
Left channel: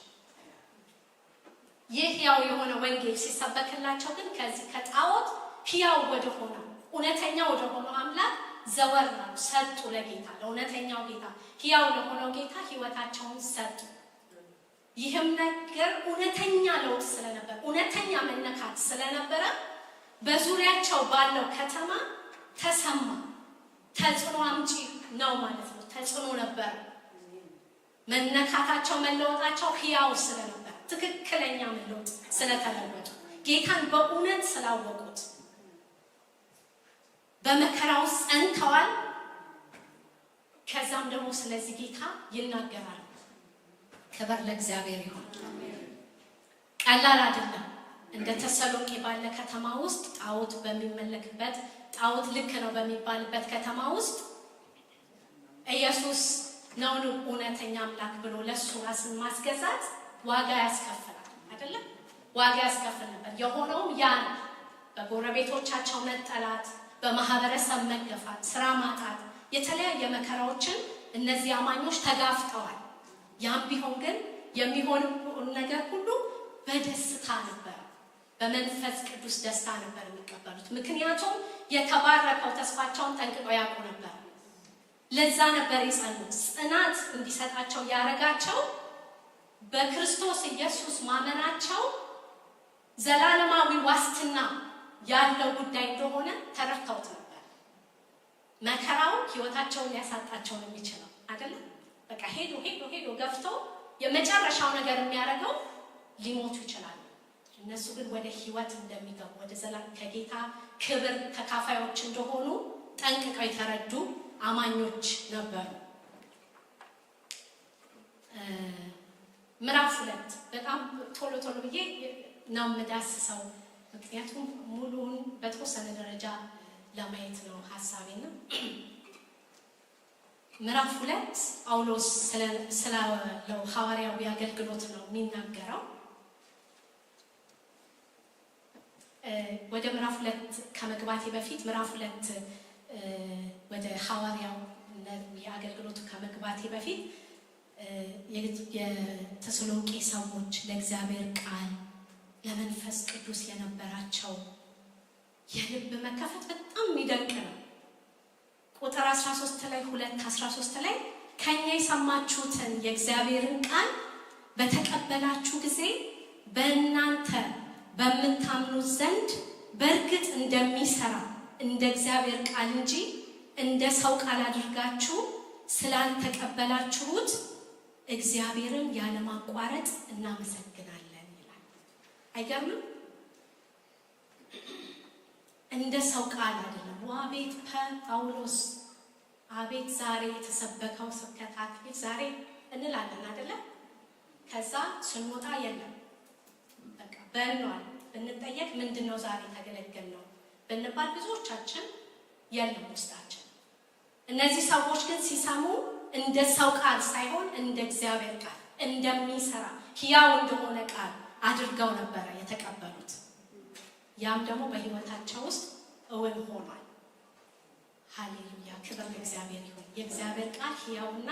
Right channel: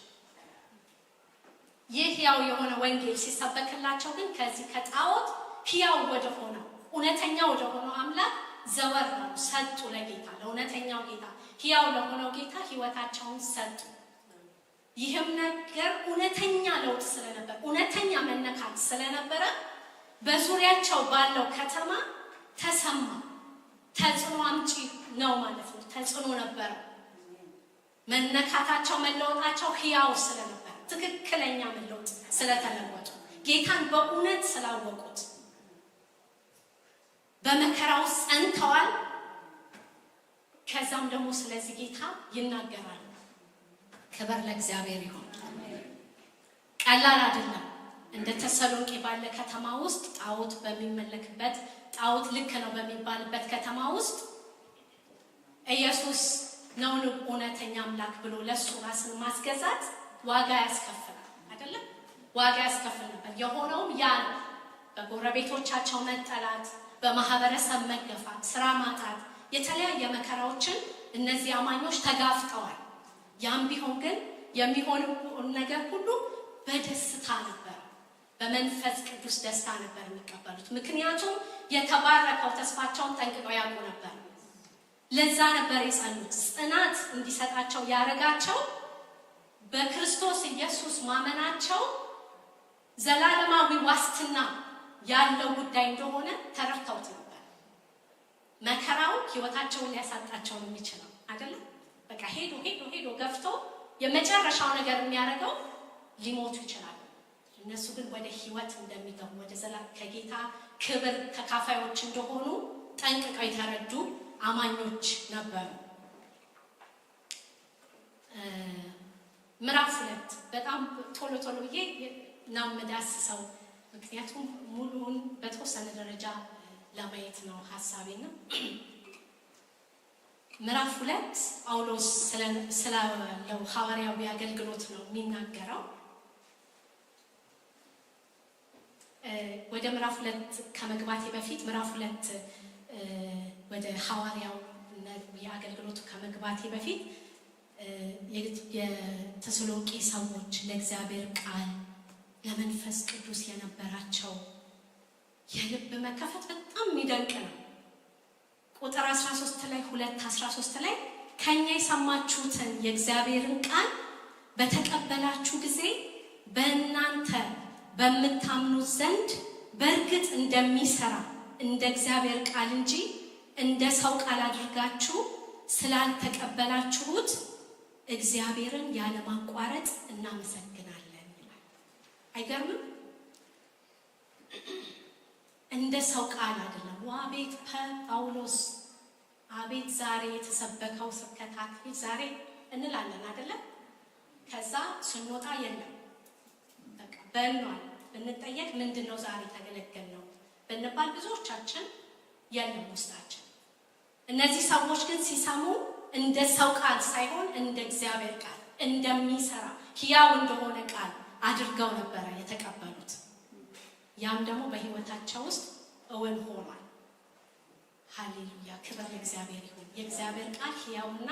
ይህ ሕያው የሆነ ወንጌል ሲሰበክላቸው ግን ከዚህ ከጣዖት ሕያው ወደ ሆነው እውነተኛ ወደ ሆነው አምላክ ዘወር አሉ፣ ሰጡ። ለጌታ ለእውነተኛው ጌታ ሕያው ለሆነው ጌታ ሕይወታቸውን ሰጡ። ይህም ነገር እውነተኛ ለውጥ ስለነበር እውነተኛ መነካት ስለነበረ በዙሪያቸው ባለው ከተማ ተሰማ። ተጽዕኖ አምጪ ነው ማለት ነው። ተጽዕኖ ነበር። መነካታቸው መለወጣቸው ሕያው ስለነበር ትክክለኛ መለወጥ ስለተለወጡ ጌታን በእውነት ስላወቁት በመከራው ጸንተዋል። ከዛም ደግሞ ስለዚህ ጌታ ይናገራሉ። ክብር ለእግዚአብሔር ይሁን። ቀላል አይደለም። እንደ ተሰሎንቄ ባለ ከተማ ውስጥ ጣዖት በሚመለክበት ጣዖት ልክ ነው በሚባልበት ከተማ ውስጥ ኢየሱስ ነው እውነተኛ አምላክ ብሎ ለሱ ራስን ማስገዛት ዋጋ ያስከፍላል አይደለም? ዋጋ ያስከፍል ነበር። የሆነውም ያ ነው። በጎረቤቶቻቸው መጠላት፣ በማህበረሰብ መገፋት፣ ስራ ማጣት፣ የተለያየ መከራዎችን እነዚህ አማኞች ተጋፍጠዋል። ያም ቢሆን ግን የሚሆነው ነገር ሁሉ በደስታ ነበር። በመንፈስ ቅዱስ ደስታ ነበር የሚቀበሉት። ምክንያቱም የተባረከው ተስፋቸውን ጠንቅቀው ያውቁ ነበር። ለዛ ነበር የጸኑት። ጽናት እንዲሰጣቸው ያረጋቸው በክርስቶስ ኢየሱስ ማመናቸው ዘላለማዊ ዋስትና ያለው ጉዳይ እንደሆነ ተረድተውት ነበር። መከራው ህይወታቸውን ሊያሳጣቸው ነው የሚችለው አይደለም? በቃ ሄዶ ገፍቶ የመጨረሻው ነገር የሚያደርገው ሊሞቱ ይችላል። እነሱ ግን ወደ ህይወት እንደሚገቡ ወደ ዘላለም ከጌታ ክብር ተካፋዮች እንደሆኑ ጠንቅቀው የተረዱ አማኞች ነበሩ። ምዕራፍ 2 በጣም ቶሎ ብዬ ነው የምዳስሰው፣ ምክንያቱም ሙሉውን በተወሰነ ደረጃ ለማየት ነው ሐሳቤና ምዕራፍ 2 ጳውሎስ ስላለው ሐዋርያዊ አገልግሎት ነው የሚናገረው። ወደ ምዕራፍ 2 ከመግባቴ በፊት ምዕራፍ 2 ወደ ሐዋርያው የአገልግሎቱ ከመግባቴ በፊት የተሰሎንቄ ሰዎች ለእግዚአብሔር ቃል ለመንፈስ ቅዱስ የነበራቸው የልብ መከፈት በጣም የሚደንቅ ነው። ቁጥር 13 ላይ 2:13 ላይ ከኛ የሰማችሁትን የእግዚአብሔርን ቃል በተቀበላችሁ ጊዜ በእናንተ በምታምኑት ዘንድ በእርግጥ እንደሚሰራ እንደ እግዚአብሔር ቃል እንጂ እንደ ሰው ቃል አድርጋችሁ ስላልተቀበላችሁት እግዚአብሔርን ያለማቋረጥ እናመሰግናለን ይላል። አይገርምም? እንደ ሰው ቃል አይደለም። ዋቤት ጳውሎስ አቤት ዛሬ የተሰበከው ስብከት አክሊል ዛሬ እንላለን አይደለም? ከዛ ስንወጣ የለም በቃ በእኗል ብንጠየቅ ምንድነው ዛሬ ተገለገል ነው ብንባል ብዙዎቻችን የለም ውስጣችን። እነዚህ ሰዎች ግን ሲሰሙ እንደ ሰው ቃል ሳይሆን እንደ እግዚአብሔር ቃል እንደሚሰራ ሕያው እንደሆነ ቃል አድርገው ነበረ የተቀበሉት። ያም ደግሞ በህይወታቸው ውስጥ እውን ሆኗል። ሃሌሉያ! ክብር ለእግዚአብሔር ይሁን። የእግዚአብሔር ቃል ሕያውና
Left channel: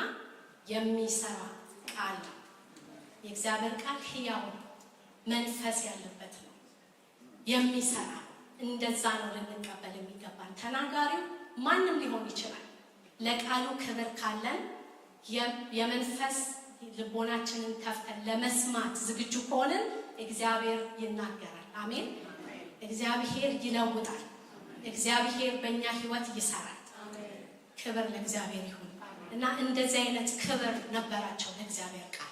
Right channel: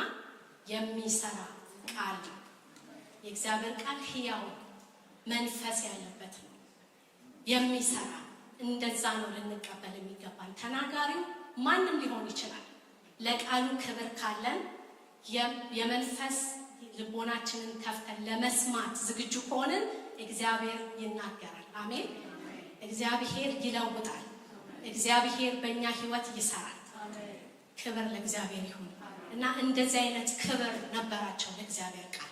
የሚሰራ ቃል ነው። የእግዚአብሔር ቃል ሕያው መንፈስ ያለበት ነው፣ የሚሰራ እንደዛ ነው ልንቀበል የሚገባን። ተናጋሪው ማንም ሊሆን ይችላል። ለቃሉ ክብር ካለን የመንፈስ ልቦናችንን ከፍተን ለመስማት ዝግጁ ከሆንን እግዚአብሔር ይናገራል። አሜን። እግዚአብሔር ይለውጣል። እግዚአብሔር በእኛ ህይወት ይሰራል። ክብር ለእግዚአብሔር ይሁን እና እንደዚህ አይነት ክብር ነበራቸው ለእግዚአብሔር ቃል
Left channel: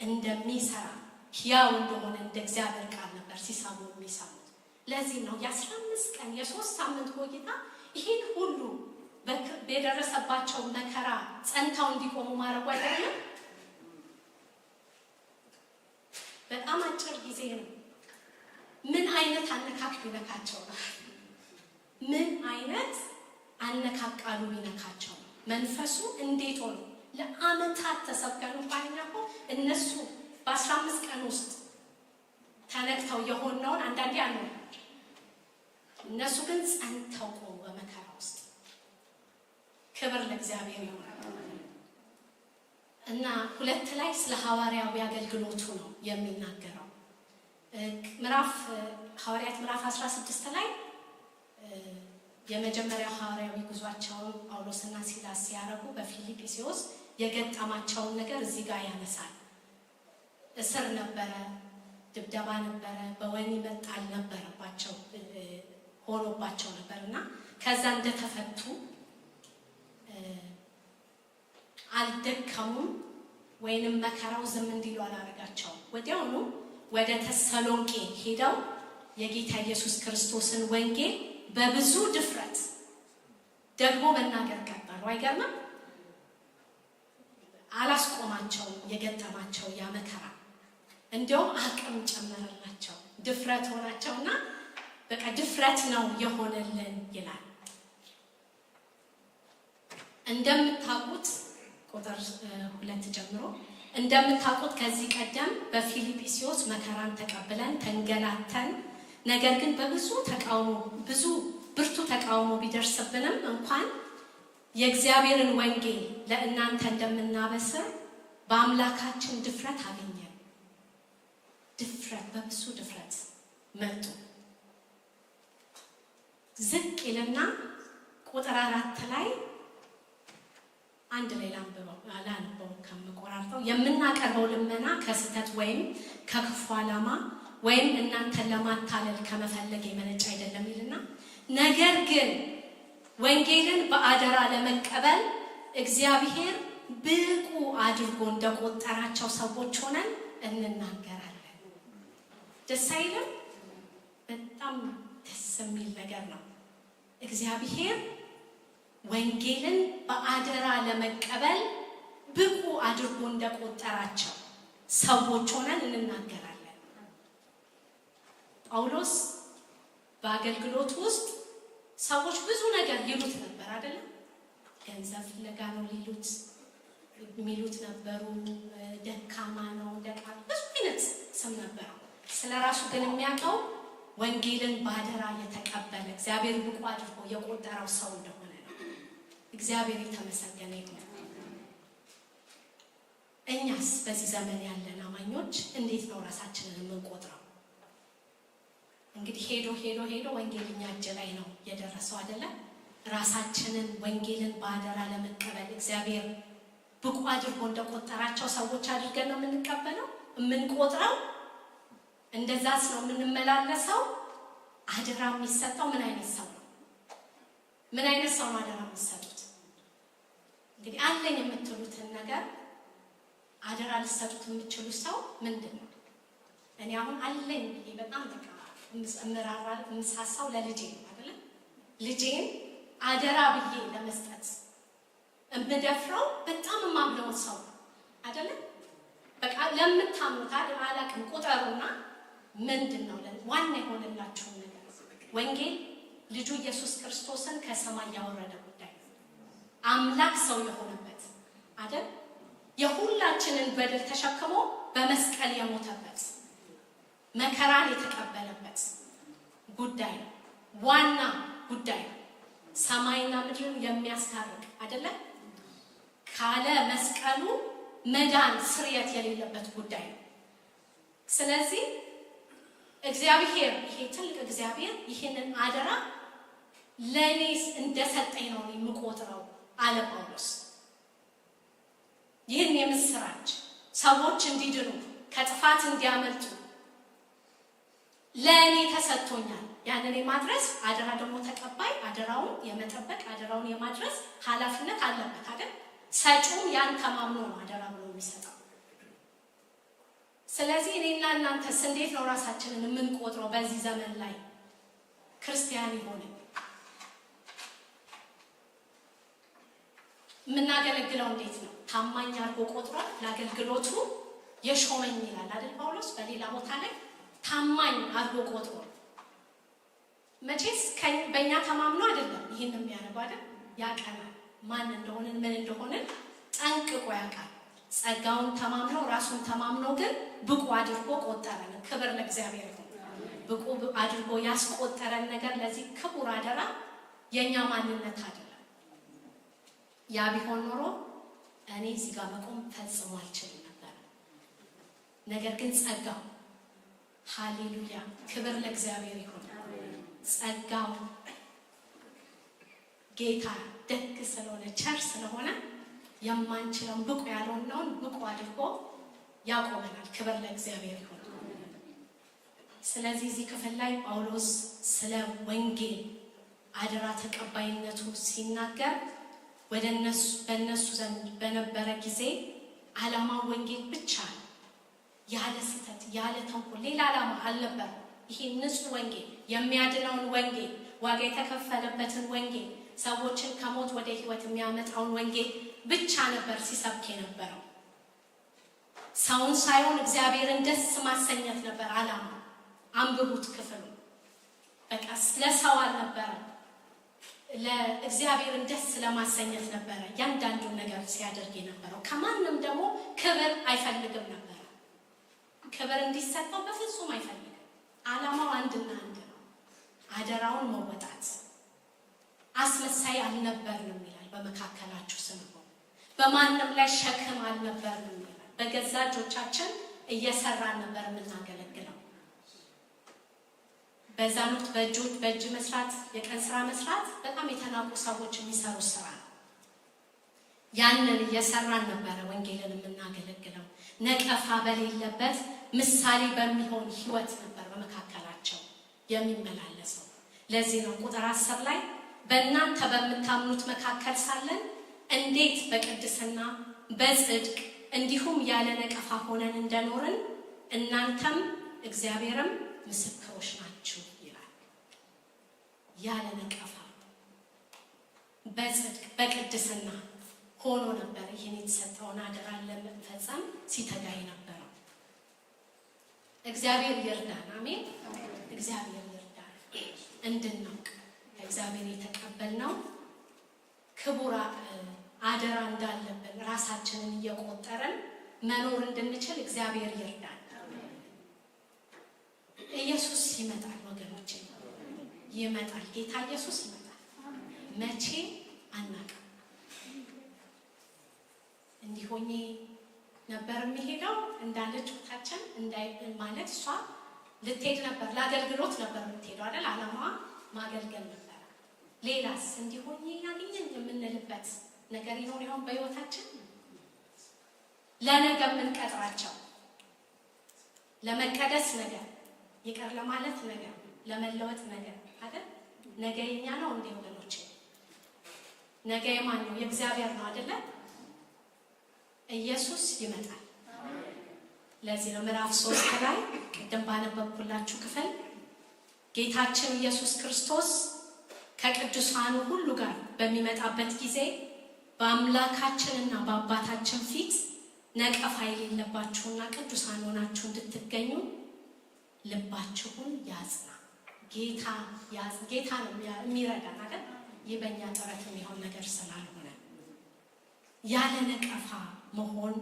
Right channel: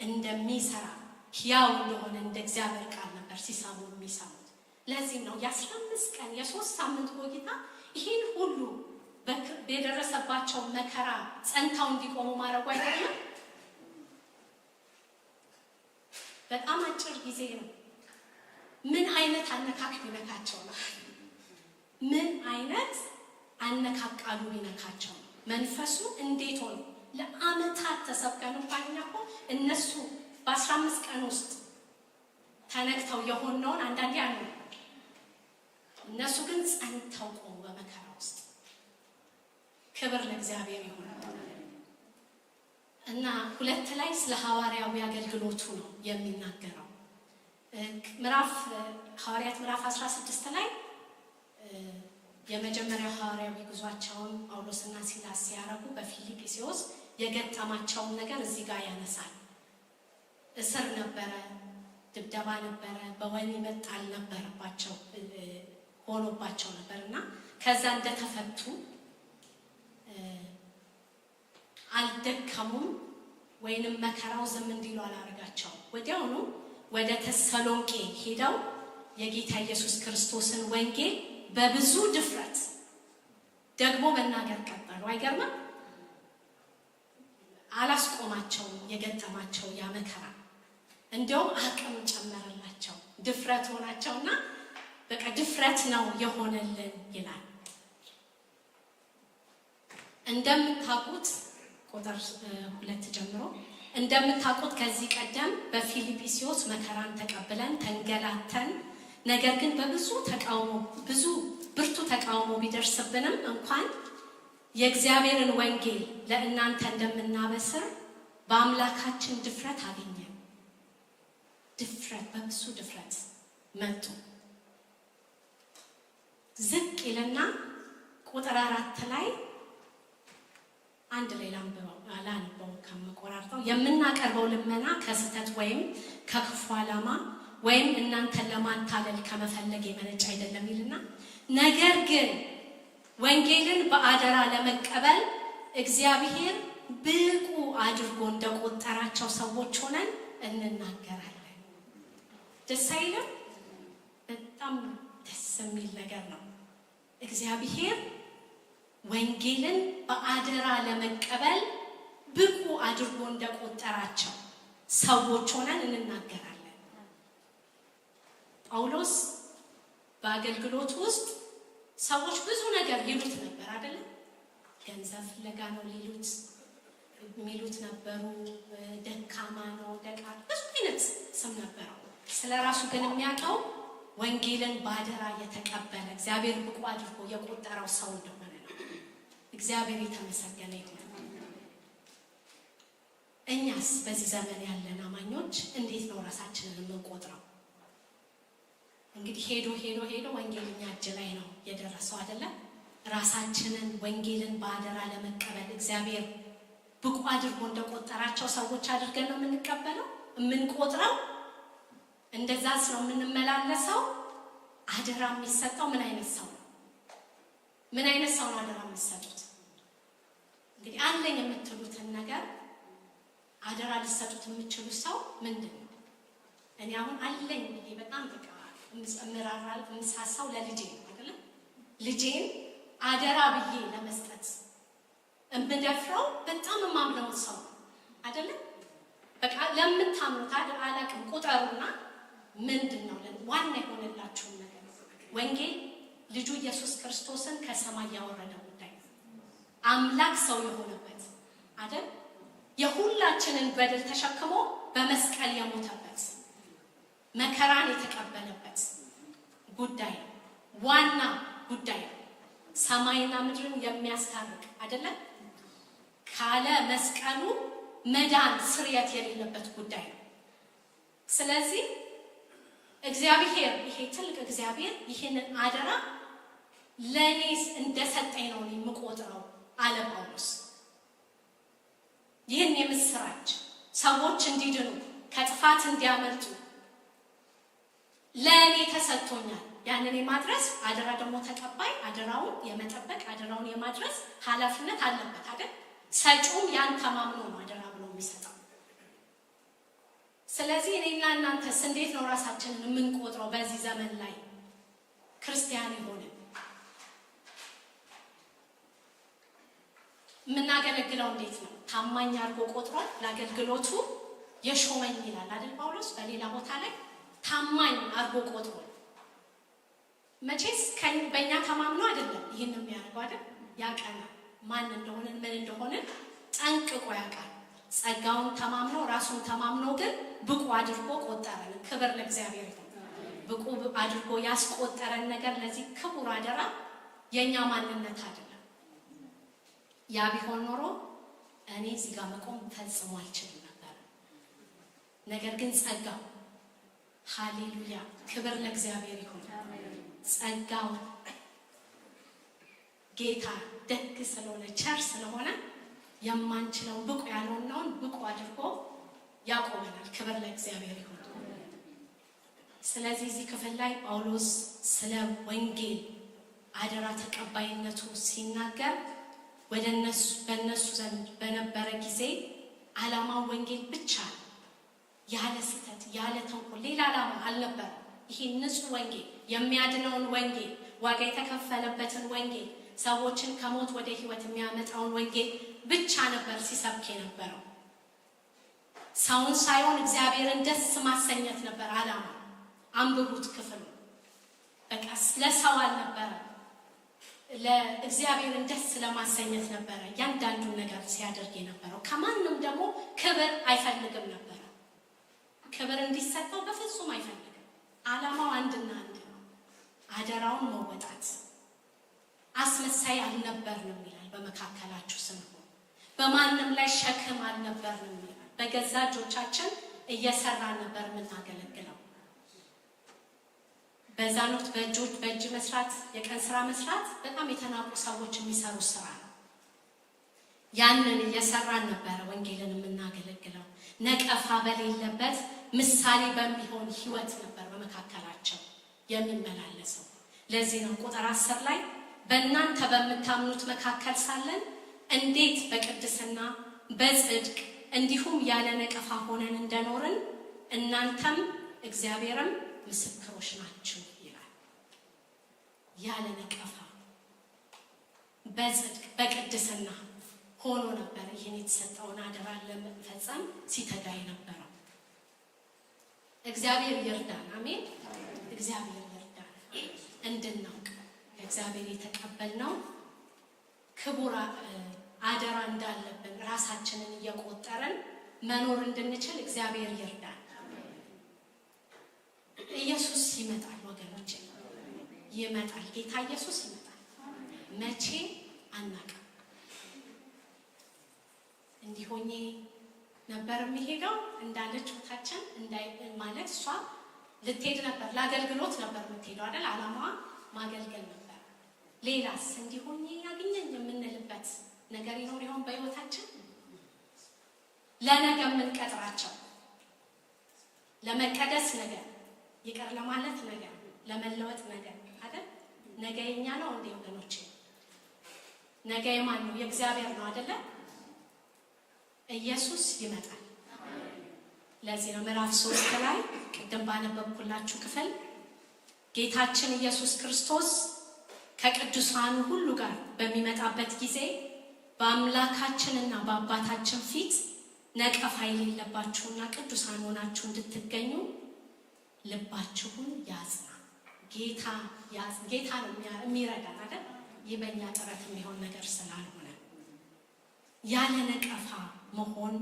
እንደሚሰራ ሕያው እንደሆነ እንደ እግዚአብሔር ቃል ነበር ሲሰሙ የሚሰሙት። ለዚህ ነው የ15 ቀን የ3 ሳምንት ቆይታ ይሄን ሁሉ በደረሰባቸው መከራ ጸንተው እንዲቆሙ ማድረጉ አይደለም። በጣም አጭር ጊዜ ነው። ምን አይነት አነካክ ቢነካቸው ነው? ምን አይነት አነካቃሉ ቢነካቸው ነው? መንፈሱ እንዴት ሆኖ ለአመታት ተሰብከን እንኳን እኮ እነሱ በ15 ቀን ውስጥ ተነክተው የሆነውን አንዳንዴ አሉ። እነሱ ግን ጸንተው ቆሙ በመከራ ውስጥ። ክብር ለእግዚአብሔር ይሁን እና 2 ላይ ስለ ሐዋርያዊ አገልግሎቱ ነው የሚናገረው። ሐዋርያት ምዕራፍ 16 ላይ የመጀመሪያው ሐዋርያዊ ጉዟቸውን ጳውሎስና ሲላስ ሲያረጉ በፊልጵስዩስ የገጠማቸውን ነገር እዚህ ጋር ያነሳል። እስር ነበረ፣ ድብደባ ነበረ፣ በወህኒ መጣል ነበረባቸው ሆኖባቸው ነበርና ከዛ እንደተፈቱ አልደከሙም ወይንም መከራው ዝም እንዲሉ አላረጋቸውም። ወዲያውኑ ወደ ተሰሎንቄ ሄደው የጌታ ኢየሱስ ክርስቶስን ወንጌል በብዙ ድፍረት ደግሞ መናገር ቀጠሉ። አይገርምም? አላስቆማቸውም የገጠማቸው ያ መከራ። እንደውም አቅም ጨመረላቸው፣ ድፍረት ሆናቸውና በቃ ድፍረት ነው የሆነልን ይላል። እንደምታውቁት ቁጥር 2 ጀምሮ እንደምታውቁት ከዚህ ቀደም በፊልጵስዩስ መከራን ተቀብለን ተንገላተን፣ ነገር ግን ብዙ ብርቱ ተቃውሞ ቢደርስብንም እንኳን የእግዚአብሔርን ወንጌል ለእናንተ እንደምናበስር በአምላካችን ድፍረት አገኘን። ድፍረት፣ በብዙ ድፍረት መጡ። ዝቅ ይልና ቁጥር 4 ላይ አንድ ላይ ላንበው ከምቆራርጠው የምናቀርበው ልመና ከስተት ወይም ከክፉ ዓላማ ወይም እናንተን ለማታለል ከመፈለግ የመነጨ አይደለም ይልና፣ ነገር ግን ወንጌልን በአደራ ለመቀበል እግዚአብሔር ብቁ አድርጎ እንደቆጠራቸው ሰዎች ሆነን እንናገራለን። ደስ አይልም? በጣም ደስ የሚል ነገር ነው። እግዚአብሔር ወንጌልን በአደራ ለመቀበል ብቁ አድርጎ እንደቆጠራቸው ሰዎች ሆነን እንናገራለን። ጳውሎስ በአገልግሎት ውስጥ ሰዎች ብዙ ነገር ይሉት ነበር አይደለም? ገንዘብ ፍለጋ ነው የሚሉት ነበሩ። ደካማ ነው፣ ብዙ አይነት ስም ነበረው። ስለራሱ ግን የሚያውቀው ወንጌልን ባደራ የተቀበለ እግዚአብሔር ብቁ አድርጎ የቆጠረው ሰው እንደሆነ ነው። እግዚአብሔር የተመሰገነ ይሁን። እኛስ በዚህ ዘመን ያለን አማኞች እንዴት ነው ራሳችንን የምንቆጥረው? እንግዲህ ሄዶ ወንጌልኛ እጅ ላይ ነው የደረሰው አይደለም? ራሳችንን ወንጌልን ባደራ ለመቀበል እግዚአብሔር ብቁ አድርጎ እንደቆጠራቸው ሰዎች አድርገን ነው የምንቀበለው የምንቆጥረው። እንደዛስ ነው የምንመላለሰው። አደራ የሚሰጠው ምን አይነት ሰው ነው? ምን አይነት ሰው ነው አደራ የሚሰጡት? እንግዲህ አለኝ የምትሉትን ነገር አደራ ሊሰጡት የምትችሉት ሰው ምንድን ነው? እኔ አሁን አለኝ ብዬ በጣም በቃ የምሳሳው ለልጄ ነው አይደለም? ልጄን አደራ ብዬ ለመስጠት እምደፍረው በጣም የማምነው ሰው አይደለም? በቃ ለምታምኑት አላቅም ቁጠሩና ምንድነው ዋና የሆነላችሁን ነገር? ወንጌል ልጁ ኢየሱስ ክርስቶስን ከሰማይ ያወረደ ጉዳይ ነው። አምላክ ሰው የሆነበት አይደል? የሁላችንን በደል ተሸክሞ በመስቀል የሞተበት መከራን የተቀበለበት ጉዳይ ነው። ዋና ጉዳይ ነው። ሰማይና ምድርን የሚያስታርቅ አይደለም? ካለ መስቀሉ መዳን ስርየት የሌለበት ጉዳይ ነው። ስለዚህ እግዚአብሔር ይሄ ትልቅ እግዚአብሔር ይሄንን አደራ ለኔስ እንደሰጠኝ ነው የምቆጥረው አለ ጳውሎስ። ይህን የምስራች ሰዎች እንዲድኑ ከጥፋት እንዲያመልጡ ለእኔ ተሰጥቶኛል። ያንን የማድረስ አደራ ደግሞ ተቀባይ አደራውን የመጠበቅ አደራውን የማድረስ ኃላፊነት አለበት አይደል? ሰጪውም ያን ተማምኖ ነው አደራ ብሎ የሚሰጠው። ስለዚህ እኔና እናንተስ እንዴት ነው ራሳችንን የምንቆጥረው? በዚህ ዘመን ላይ ክርስቲያን የሆነ የምናገለግለው እንዴት ነው? ታማኝ አድርጎ ቆጥሮ ለአገልግሎቱ የሾመኝ ይላል አይደል ጳውሎስ በሌላ ቦታ ላይ ታማኝ አድርጎ ቆጥሮ። መቼስ በእኛ ተማምኖ አይደለም ይህን የሚያደርገው አይደል? ያቀናል። ማን እንደሆነን ምን እንደሆነን ጠንቅቆ ያውቃል። ጸጋውን ተማምኖ ራሱን ተማምኖ ግን ብቁ አድርጎ ቆጠረን። ክብር ለእግዚአብሔር ይሁን። ብቁ አድርጎ ያስቆጠረን ነገር ለዚህ ክቡር አደራ የኛ ማንነት አይደለም። ያ ቢሆን ኖሮ እኔ እዚህ ጋር መቆም ፈጽሞ አልችልም ነበር። ነገር ግን ጸጋው ሃሌሉያ ክብር ለእግዚአብሔር ይሁን። ጸጋው ጌታ ደግ ስለሆነ ቸር ስለሆነ የማንችለውን ብቁ ያልሆነውን ብቁ አድርጎ ያቆመናል። ክብር ለእግዚአብሔር ይሁን። ስለዚህ እዚህ ክፍል ላይ ጳውሎስ ስለ ወንጌል አደራ ተቀባይነቱ ሲናገር በእነሱ ዘንድ በነበረ ጊዜ ዓላማው ወንጌል ብቻ ነው። ያለ ስህተት ያለ ተንኮል ሌላ ዓላማ አልነበረም። ይሄ ንጹህ ወንጌል የሚያድነውን ወንጌል ዋጋ የተከፈለበትን ወንጌል ሰዎችን ከሞት ወደ ሕይወት የሚያመጣውን ወንጌል ብቻ ነበር ሲሰብክ የነበረው። ሰውን ሳይሆን እግዚአብሔርን ደስ ማሰኘት ነበር ዓላማ። አንብቡት ክፍሉ። በቃ ለሰው አልነበረም፣ ለእግዚአብሔርን ደስ ለማሰኘት ነበረ ያንዳንዱን ነገር ሲያደርግ የነበረው። ከማንም ደግሞ ክብር አይፈልግም ነበር። ክብር እንዲሰጠው በፍጹም አይፈልግም። ዓላማው አንድና አንድ ነው፣ አደራውን መወጣት። አስመሳይ አልነበርንም ይላል። በመካከላችሁ ስንሆን በማንም ላይ ሸክም አልነበርንም ይላል። በገዛ እጆቻችን እየሰራን ነበር የምናገለግለው። በዛን ወቅት በእጅ መስራት የቀን ስራ መስራት በጣም የተናቁ ሰዎች የሚሰሩት ስራ ነው። ያንን እየሰራን ነበረ ወንጌልን የምናገለግለው። ነቀፋ በሌለበት ምሳሌ በሚሆን ህይወት ነበር በመካከላቸው የሚመላለሰው። ለዚህ ነው ቁጥር 10 ላይ በእናንተ በምታምኑት መካከል ሳለን እንዴት በቅድስና በጽድቅ እንዲሁም ያለ ነቀፋ ሆነን እንደኖርን እናንተም እግዚአብሔርም ምስክሮች ናችሁ ይላል። ያለ ነቀፋ በጽድቅ በቅድስና ሆኖ ነበር ይህን የተሰጠውን አደራ ለመፈጸም ሲተጋ የነበረው። እግዚአብሔር ይርዳን። አሜን። እግዚአብሔር ይርዳን። እንድናውቅ ከእግዚአብሔር የተቀበልነው ክቡር አደራ እንዳለብን ራሳችንን እየቆጠረን መኖር እንድንችል እግዚአብሔር ይርዳን። ኢየሱስ ይመጣል ወገኖቼ፣ ይመጣል። ጌታ ኢየሱስ ይመጣል። መቼ አናውቅም። እንዲሆኜ ነበር የሚሄደው እንዳለች ወታችን ማለት እሷ ልትሄድ ነበር፣ ለአገልግሎት ነበር የምትሄደው አይደል? ዓላማዋ ማገልገል ነበር። ሌላስ እንዲሆኜ ያገኘኝ የምንልበት ነገር ይኖር ይሆን በህይወታችን? ለነገ የምንቀጥራቸው ለመቀደስ ነገር ይቅር ለማለት ነገር ለመለወጥ ነገር አይደል? ነገ የኛ ነው እንዴ ወገኖቼ? ነገ የማን ነው? የእግዚአብሔር ነው አይደለ? ኢየሱስ ይመጣል። ለዚህ ነው ምዕራፍ 3 ላይ ቅድም ባነበብኩላችሁ ክፍል ጌታችን ኢየሱስ ክርስቶስ ከቅዱሳኑ ሁሉ ጋር በሚመጣበት ጊዜ በአምላካችንና በአባታችን ፊት ነቀፋ የሌለባችሁና ቅዱሳን ሆናችሁ እንድትገኙ ልባችሁን ያጽና። ጌታ ነው የሚረዳን አይደል? ይህ በእኛ ጥረት የሚሆን ነገር ስላልሆነ ያለ ነቀፋ መሆን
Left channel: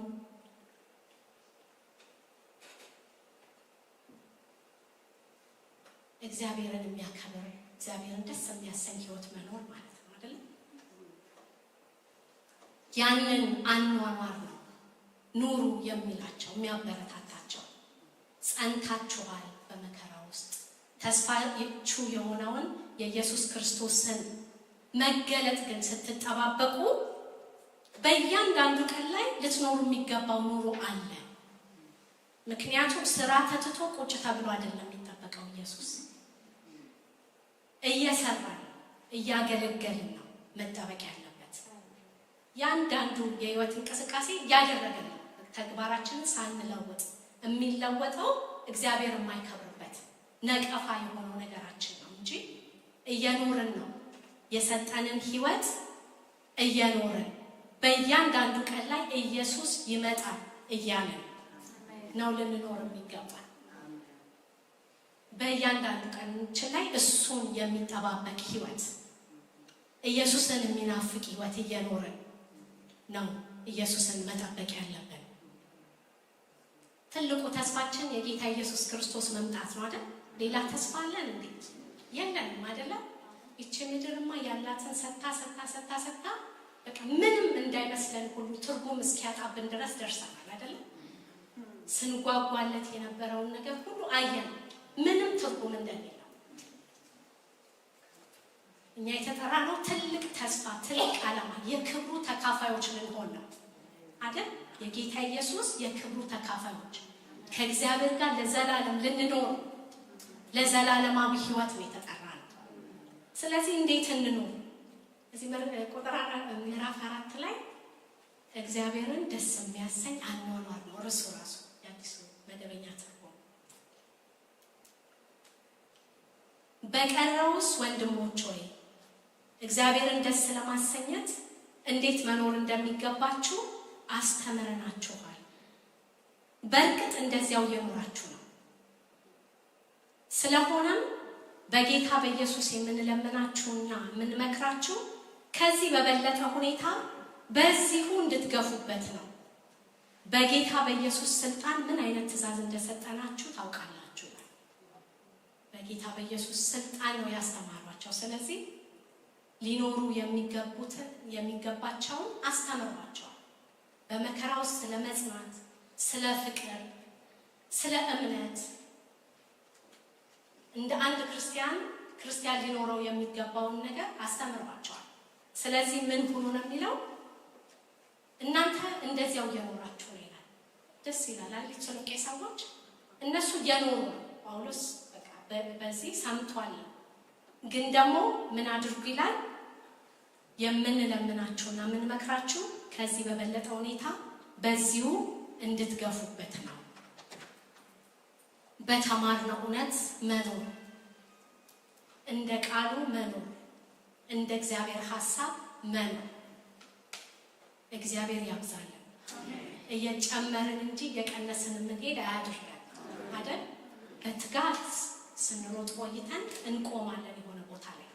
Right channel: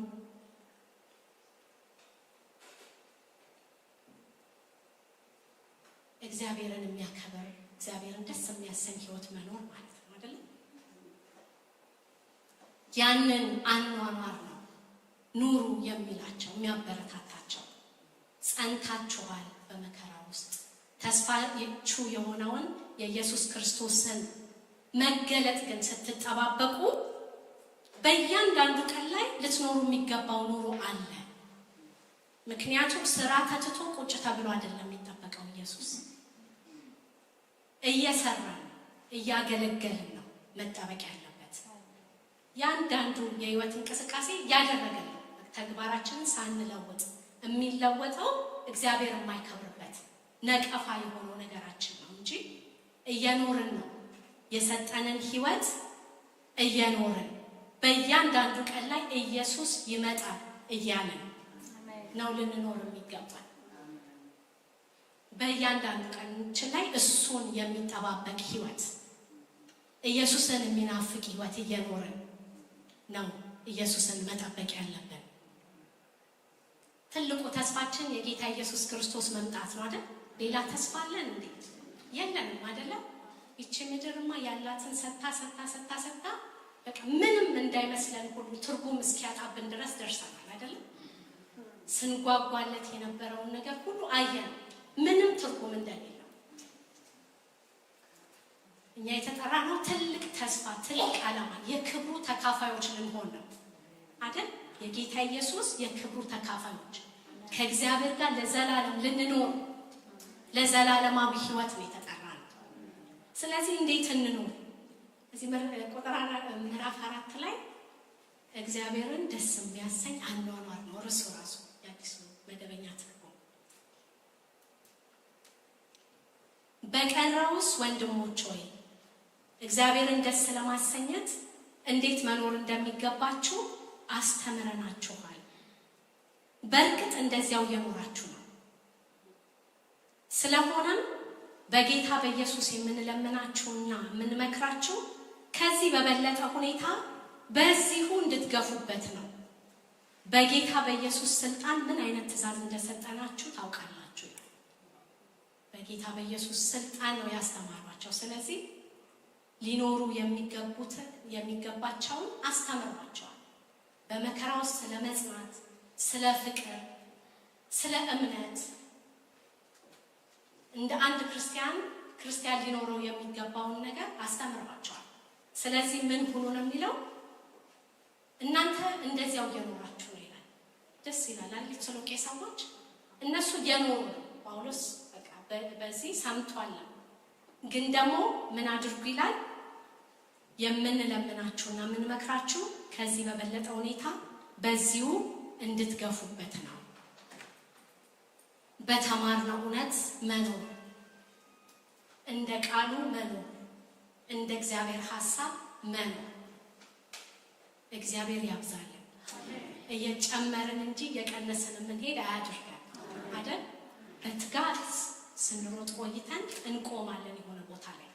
እግዚአብሔርን የሚያከብር እግዚአብሔርን ደስ የሚያሰኝ ህይወት መኖር ማለት ነው አይደል? ያንን አኗኗር ነው ኑሩ የሚላቸው የሚያበረታታቸው። ጸንታችኋል በመከራ ውስጥ ተስፋችሁ የሆነውን የኢየሱስ ክርስቶስን መገለጥ ግን ስትጠባበቁ በእያንዳንዱ ቀን ላይ ልትኖሩ የሚገባው ኑሮ አለ። ምክንያቱም ስራ ተትቶ ቁጭ ተብሎ አይደለም የሚጠበቀው። ኢየሱስ እየሰራን እያገለገልን ነው መጠበቅ ያለበት። ያንዳንዱ የህይወት እንቅስቃሴ እያደረገን ነው። ተግባራችንን ሳንለውጥ የሚለወጠው እግዚአብሔር የማይከብርበት ነቀፋ የሆነው ነገራችን ነው እንጂ እየኖርን ነው። የሰጠንን ህይወት እየኖርን በእያንዳንዱ ቀን ላይ ኢየሱስ ይመጣል እያለን ነው ልንኖር የሚገባል። በእያንዳንዱ ቀናችን ላይ እሱን የሚጠባበቅ ህይወት፣ ኢየሱስን የሚናፍቅ ህይወት እየኖርን ነው ኢየሱስን መጠበቅ ያለብን። ትልቁ ተስፋችን የጌታ ኢየሱስ ክርስቶስ መምጣት ነው አይደል? ሌላ ተስፋ አለን እንዴ? የለንም አይደለ? ይቺ ምድርማ ያላትን ሰታ በቃ ምንም እንዳይመስለን ሁሉ ትርጉም እስኪያጣብን ድረስ ደርሰናል አይደለ? ስንጓጓለት የነበረውን ነገር ሁሉ አየን፣ ምንም ትርጉም እንደሌለው። እኛ የተጠራነው ትልቅ ተስፋ፣ ትልቅ ዓላማ፣ የክብሩ ተካፋዮች ልንሆን ነው አይደል? የጌታ ኢየሱስ የክብሩ ተካፋዮች ከእግዚአብሔር ጋር ለዘላለም ልንኖር ለዘላለማዊ ህይወት ነው የተጠራነው። ስለዚህ እንዴት እንኖር? እዚህ ምዕራፍ 4 ላይ እግዚአብሔርን ደስ የሚያሰኝ አኗኗር ነው ርዕሱ ራሱ የአዲሱ መደበኛ ትርጉም። በቀረውስ ወንድሞች ሆይ እግዚአብሔርን ደስ ለማሰኘት እንዴት መኖር እንደሚገባችሁ አስተምረናችኋል። በእርግጥ እንደዚያው እየኖራችሁ ነው። ስለሆነም በጌታ በኢየሱስ የምንለምናችሁና የምንመክራችሁ ከዚህ በበለጠ ሁኔታ በዚሁ እንድትገፉበት ነው። በጌታ በኢየሱስ ስልጣን ምን አይነት ትእዛዝ እንደሰጠናችሁ ታውቃላችሁ። በጌታ በኢየሱስ ስልጣን ነው ያስተማሯቸው። ስለዚህ ሊኖሩ የሚገባቸውን አስተምሯቸዋል። በመከራ ውስጥ ስለ መጽናት፣ ስለ ፍቅር፣ ስለ እምነት እንደ አንድ ክርስቲያን ሊኖረው የሚገባውን ነገር አስተምሯቸዋል። ስለዚህ ምን ሁኑ ነው የሚለው? እናንተ እንደዚያው እየኖራችሁ ነው ይላል። ደስ ይላል አይደል? ተሰሎንቄ ሰዎች እነሱ እየኖሩ ነው። ጳውሎስ በቃ በዚህ ሰምቷል። ግን ደግሞ ምን አድርጉ ይላል? የምንለምናችሁና የምንመክራችሁ ከዚህ በበለጠ ሁኔታ በዚሁ እንድትገፉበት ነው። በተማርነው እውነት መኖር፣ እንደ ቃሉ መኖር፣ እንደ እግዚአብሔር ሐሳብ መኖር። እግዚአብሔር ያብዛልን። እየጨመርን እንጂ እየቀነስን የምንሄድ አያድርገን አይደል? በትጋት ስንሮጥ ቆይተን እንቆማለን የሆነ ቦታ ላይ፣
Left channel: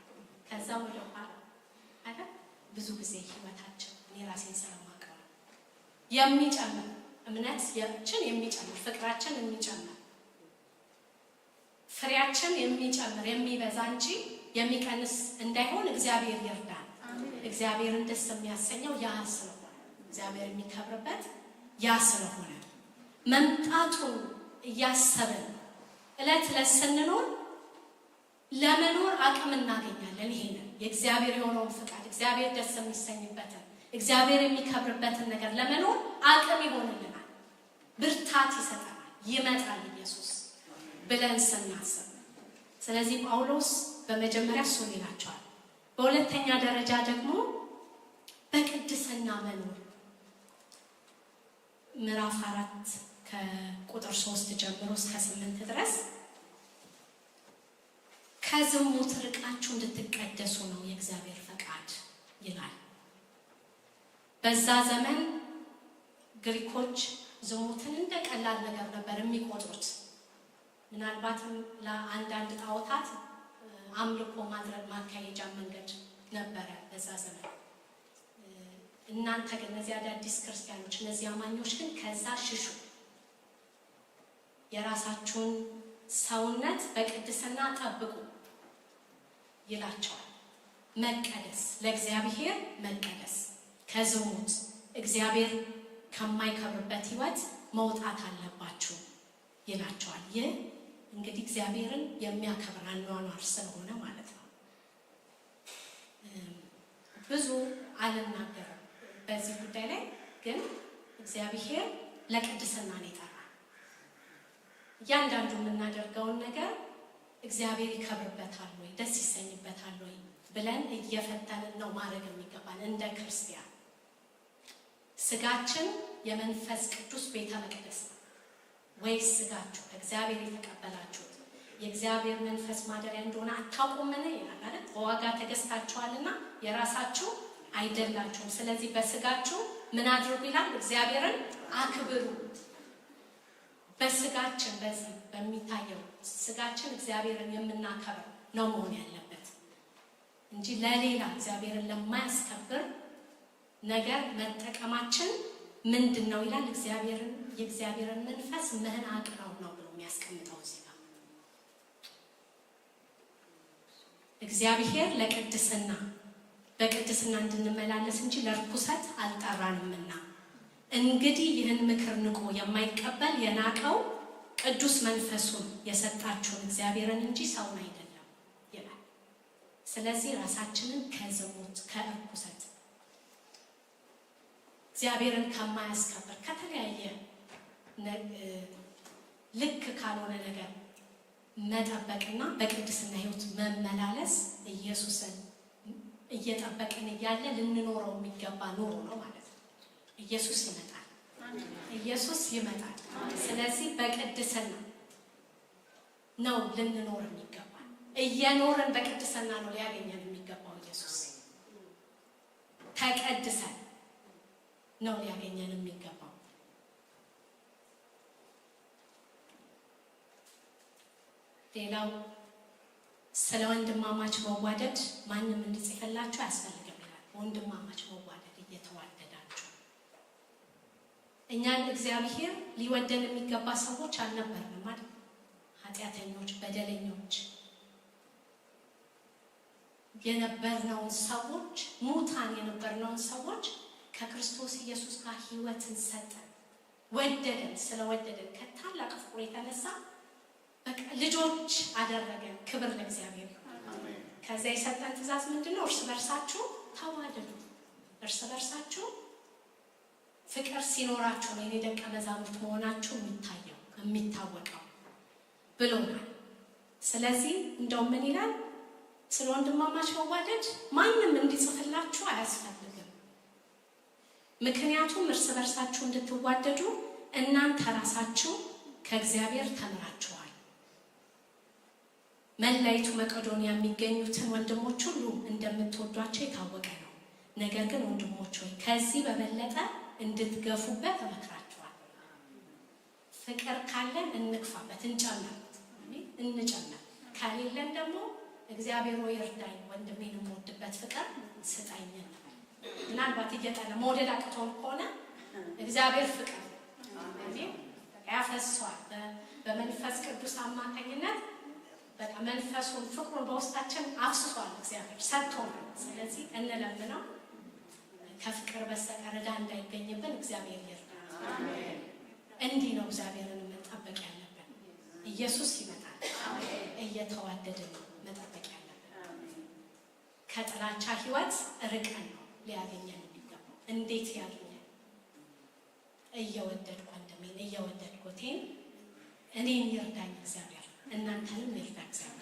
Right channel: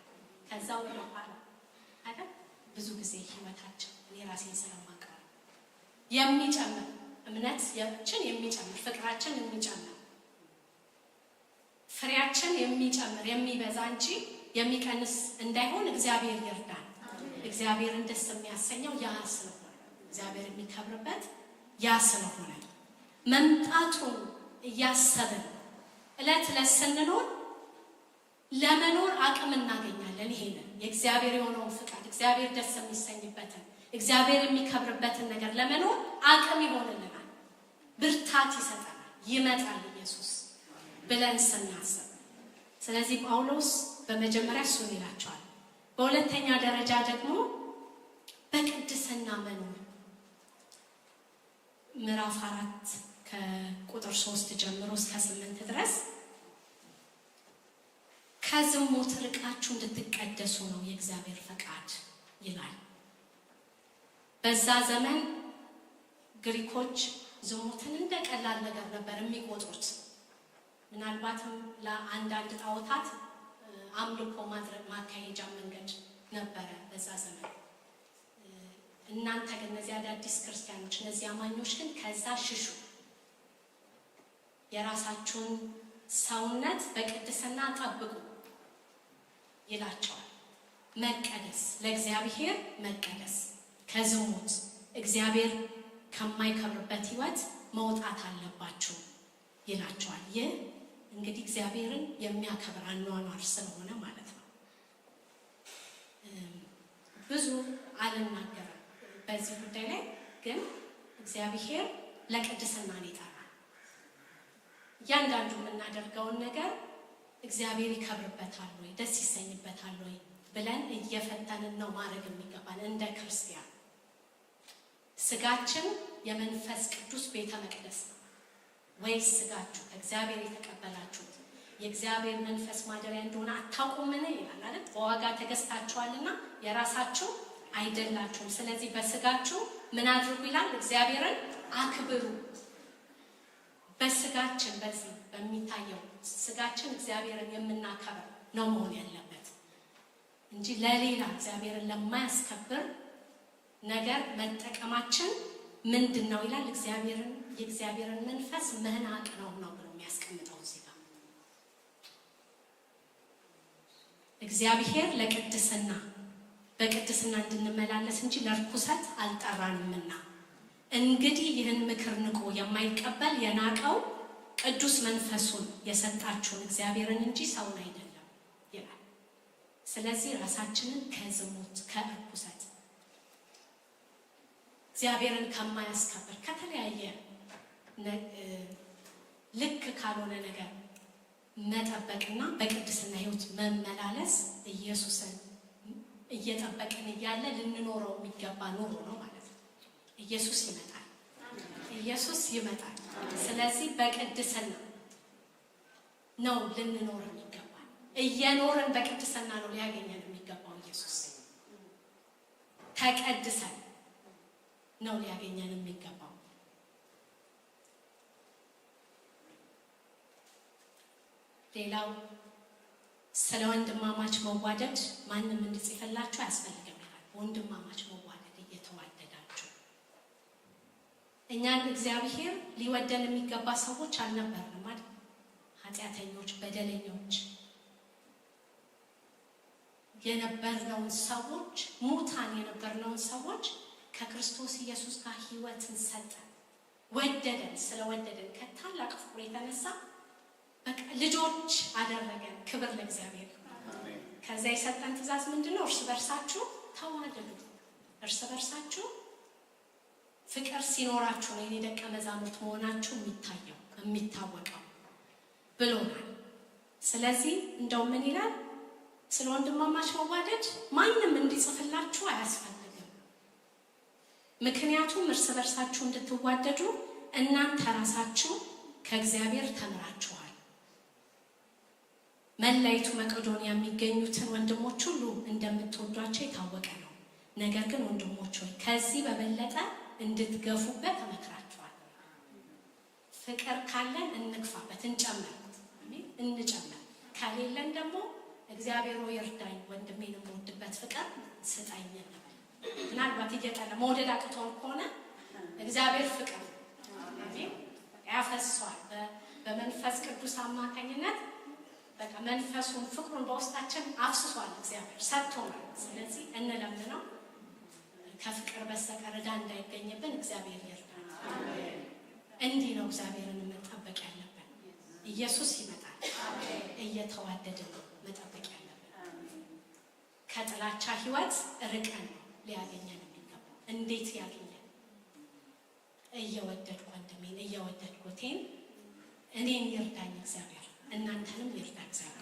ከዛ ወደ ኋላ አይደል? ብዙ ጊዜ ህይወታችን እኔ ራሴን ስለማውቀው የሚጨምር እምነታችን የሚጨምር ፍቅራችን የሚጨምር ፍሬያችን የሚጨምር የሚበዛ እንጂ የሚቀንስ እንዳይሆን እግዚአብሔር ይርዳል። እግዚአብሔርን ደስ የሚያሰኘው ያ ስለሆነ፣ እግዚአብሔር የሚከብርበት ያ ስለሆነ መምጣቱን እያሰብን እለት ዕለት ስንኖር ለመኖር አቅም እናገኛለን። ይሄንን የእግዚአብሔር የሆነውን ፍቃድ፣ እግዚአብሔር ደስ የሚሰኝበትን፣ እግዚአብሔር የሚከብርበትን ነገር ለመኖር አቅም ይሆንልናል፣ ብርታት ይሰጠናል። ይመጣል ኢየሱስ ብለን ስናስብ። ስለዚህ ጳውሎስ በመጀመሪያ እሱን ይላቸዋል። በሁለተኛ ደረጃ ደግሞ በቅድስና መኖር ምዕራፍ 4 ከቁጥር 3 ጀምሮ እስከ 8 ድረስ ከዝሙት ርቃችሁ እንድትቀደሱ ነው የእግዚአብሔር ፈቃድ ይላል። በዛ ዘመን ግሪኮች ዝሙትን እንደ ቀላል ነገር ነበር የሚቆጥሩት። ምናልባትም ለአንዳንድ ጣዖታት አምልኮ ማድረግ ማካሄጃ መንገድ ነበረ በዛ ዘመን። እናንተ ግን እነዚህ አዳዲስ ክርስቲያኖች፣ እነዚህ አማኞች ግን ከዛ ሽሹ፣ የራሳችሁን ሰውነት በቅድስና ጠብቁ ይላቸዋል። መቀደስ፣ ለእግዚአብሔር መቀደስ፣ ከዝሙት እግዚአብሔር ከማይከብርበት ህይወት መውጣት አለባችሁ ይላቸዋል። ይህ እንግዲህ እግዚአብሔርን የሚያከብር አኗኗር ስለሆነ ማለት ነው። ብዙ አልናገርም በዚህ ጉዳይ ላይ፣ ግን እግዚአብሔር ለቅድስና ነው የጠራን። እያንዳንዱ የምናደርገውን ነገር እግዚአብሔር ይከብርበታል ወይ ደስ ይሰኝበታል ወይ ብለን እየፈተንን ነው ማድረግ የሚገባን እንደ ክርስቲያን። ስጋችን የመንፈስ ቅዱስ ቤተ መቅደስ ወይስ ስጋችሁ ከእግዚአብሔር የተቀበላችሁት የእግዚአብሔር መንፈስ ማደሪያ እንደሆነ አታውቁምን ይላል አይደል? በዋጋ ተገዝታችኋልና የራሳችሁ አይደላችሁም። ስለዚህ በስጋችሁ ምን አድርጉ ይላል? እግዚአብሔርን አክብሩ። በስጋችን በዚህ በሚታየው ስጋችን እግዚአብሔርን የምናከብር ነው መሆን ያለበት እንጂ ለሌላ እግዚአብሔርን ለማያስከብር ነገር መጠቀማችን ምንድነው ይላል? የእግዚአብሔርን መንፈስ መናቅ ነው ብሎ የሚያስቀምጠው እዚህ ጋር። እግዚአብሔር ለቅድስና በቅድስና እንድንመላለስ እንጂ ለርኩሰት አልጠራንምና እንግዲህ ይህን ምክር ንቆ የማይቀበል የናቀው ቅዱስ መንፈሱን የሰጣችሁን እግዚአብሔርን እንጂ ሰውን አይደለም ይላል። ስለዚህ ራሳችንን ከዝሙት ከርኩሰት እግዚአብሔርን ከማያስከብር ከተለያየ ልክ ካልሆነ ነገር መጠበቅና በቅድስና ሕይወት መመላለስ ኢየሱስን እየጠበቅን እያለ ልንኖረው የሚገባ ኑሮ ነው ማለት ነው። ኢየሱስ ይመጣል። ስለዚህ በቅድስና ነው ልንኖር የሚገባ። እየኖርን በቅድስና ነው ሊያገኘን የሚገባው። ኢየሱስ ተቀድሰን ነው ሊያገኘን የሚገባው። ሌላው ስለ ወንድማማች መዋደድ ማንም እንዲጽፍላችሁ አያስፈልግም ይላል። ወንድማማች መዋደድ እየተዋደዳችሁ እኛን እግዚአብሔር ሊወደን የሚገባ ሰዎች አልነበርንም አይደል? ኃጢአተኞች፣ በደለኞች የነበርነውን ሰዎች ሙታን የነበርነውን ሰዎች ከክርስቶስ ኢየሱስ ጋር ሕይወትን ሰጠን። ወደደን። ስለወደደን ከታላቅ ፍቅሩ የተነሳ በቃ ልጆች አደረገን። ክብር ለእግዚአብሔር። ከዛ የሰጠን ትእዛዝ ምንድነው? እርስ በርሳችሁ ተዋደዱ። እርስ በርሳችሁ ፍቅር ሲኖራችሁ ነው የኔ ደቀ መዛሙርት መሆናችሁ የሚታወቀው ብሎናል። ስለዚህ እንደው ምን ይላል? ስለ ወንድማማች መዋደድ ማንም እንዲጽፍላችሁ አያስፈልግም። ምክንያቱም እርስ በርሳችሁ እንድትዋደዱ እናንተ ራሳችሁ ከእግዚአብሔር ተምራችኋል። መላይቱ መቄዶንያ የሚገኙትን ወንድሞች ሁሉ እንደምትወዷቸው የታወቀ ነው። ነገር ግን ወንድሞች ሆይ ከዚህ በበለጠ እንድትገፉበት እመክራችኋለሁ። ፍቅር ካለን እንግፋበት፣ እንጨምር። ከሌለን ደግሞ እግዚአብሔር ሆይ እርዳኝ፣ ወንድሜን የምወድበት ፍቅር ስጠኝ እንበል። ምናልባት እየጠላ መውደድ አቅቶን ከሆነ እግዚአብሔር ፍቅር አሜን ያፈሷል። በመንፈስ ቅዱስ አማካኝነት በቃ መንፈሱን ፍቅሩን በውስጣችን አፍስሷል። እግዚአብሔር ሰጥቶናል። ስለዚህ እንለምነው። ከፍቅር በስተቀር ዕዳ እንዳይገኝብን እግዚአብሔር ይርዳል። እንዲህ ነው እግዚአብሔርን መጠበቅ ያለብን። ኢየሱስ ይመጣል። እየተዋደድን ነው መጠበቅ ያለብን። ከጥላቻ ሕይወት ርቀን ነው ሊያገኘን የሚገባው። እንዴት ያገኘን? እየወደድኩ ወንድሜን እየወደድኩቴን እኔን ይርዳኝ እግዚአብሔር፣ እናንተንም ይርዳ እግዚአብሔር።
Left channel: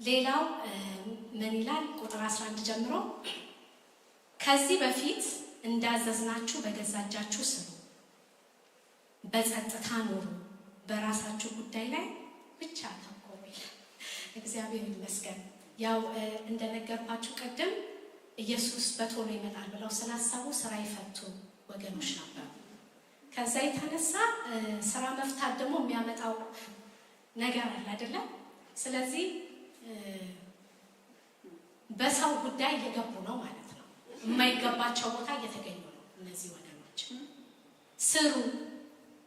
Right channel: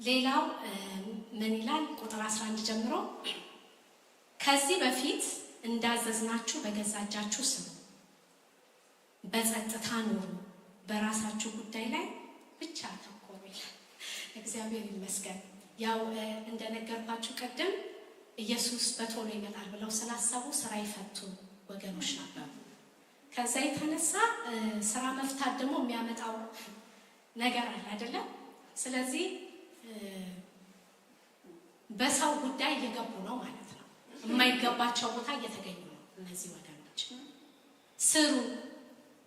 ሌላው ምን ይላል? ቁጥር 11 ጀምሮ ከዚህ በፊት እንዳዘዝናችሁ በገዛ እጃችሁ ስሩ፣ በጸጥታ ኑሩ፣ በራሳችሁ ጉዳይ ላይ ብቻ አተኮሩ ይላል። እግዚአብሔር ይመስገን። ያው እንደነገርኳችሁ ቀደም ኢየሱስ በቶሎ ይመጣል ብለው ስላሰቡ ስራ ይፈቱ ወገኖች ነበሩ። ከዛ የተነሳ ስራ መፍታት ደግሞ የሚያመጣው ነገር አለ አይደለም። ስለዚህ በሰው ጉዳይ እየገቡ ነው ማለት ነው። የማይገባቸው ቦታ እየተገኙ ነው። እነዚህ ወገኖች ስሩ፣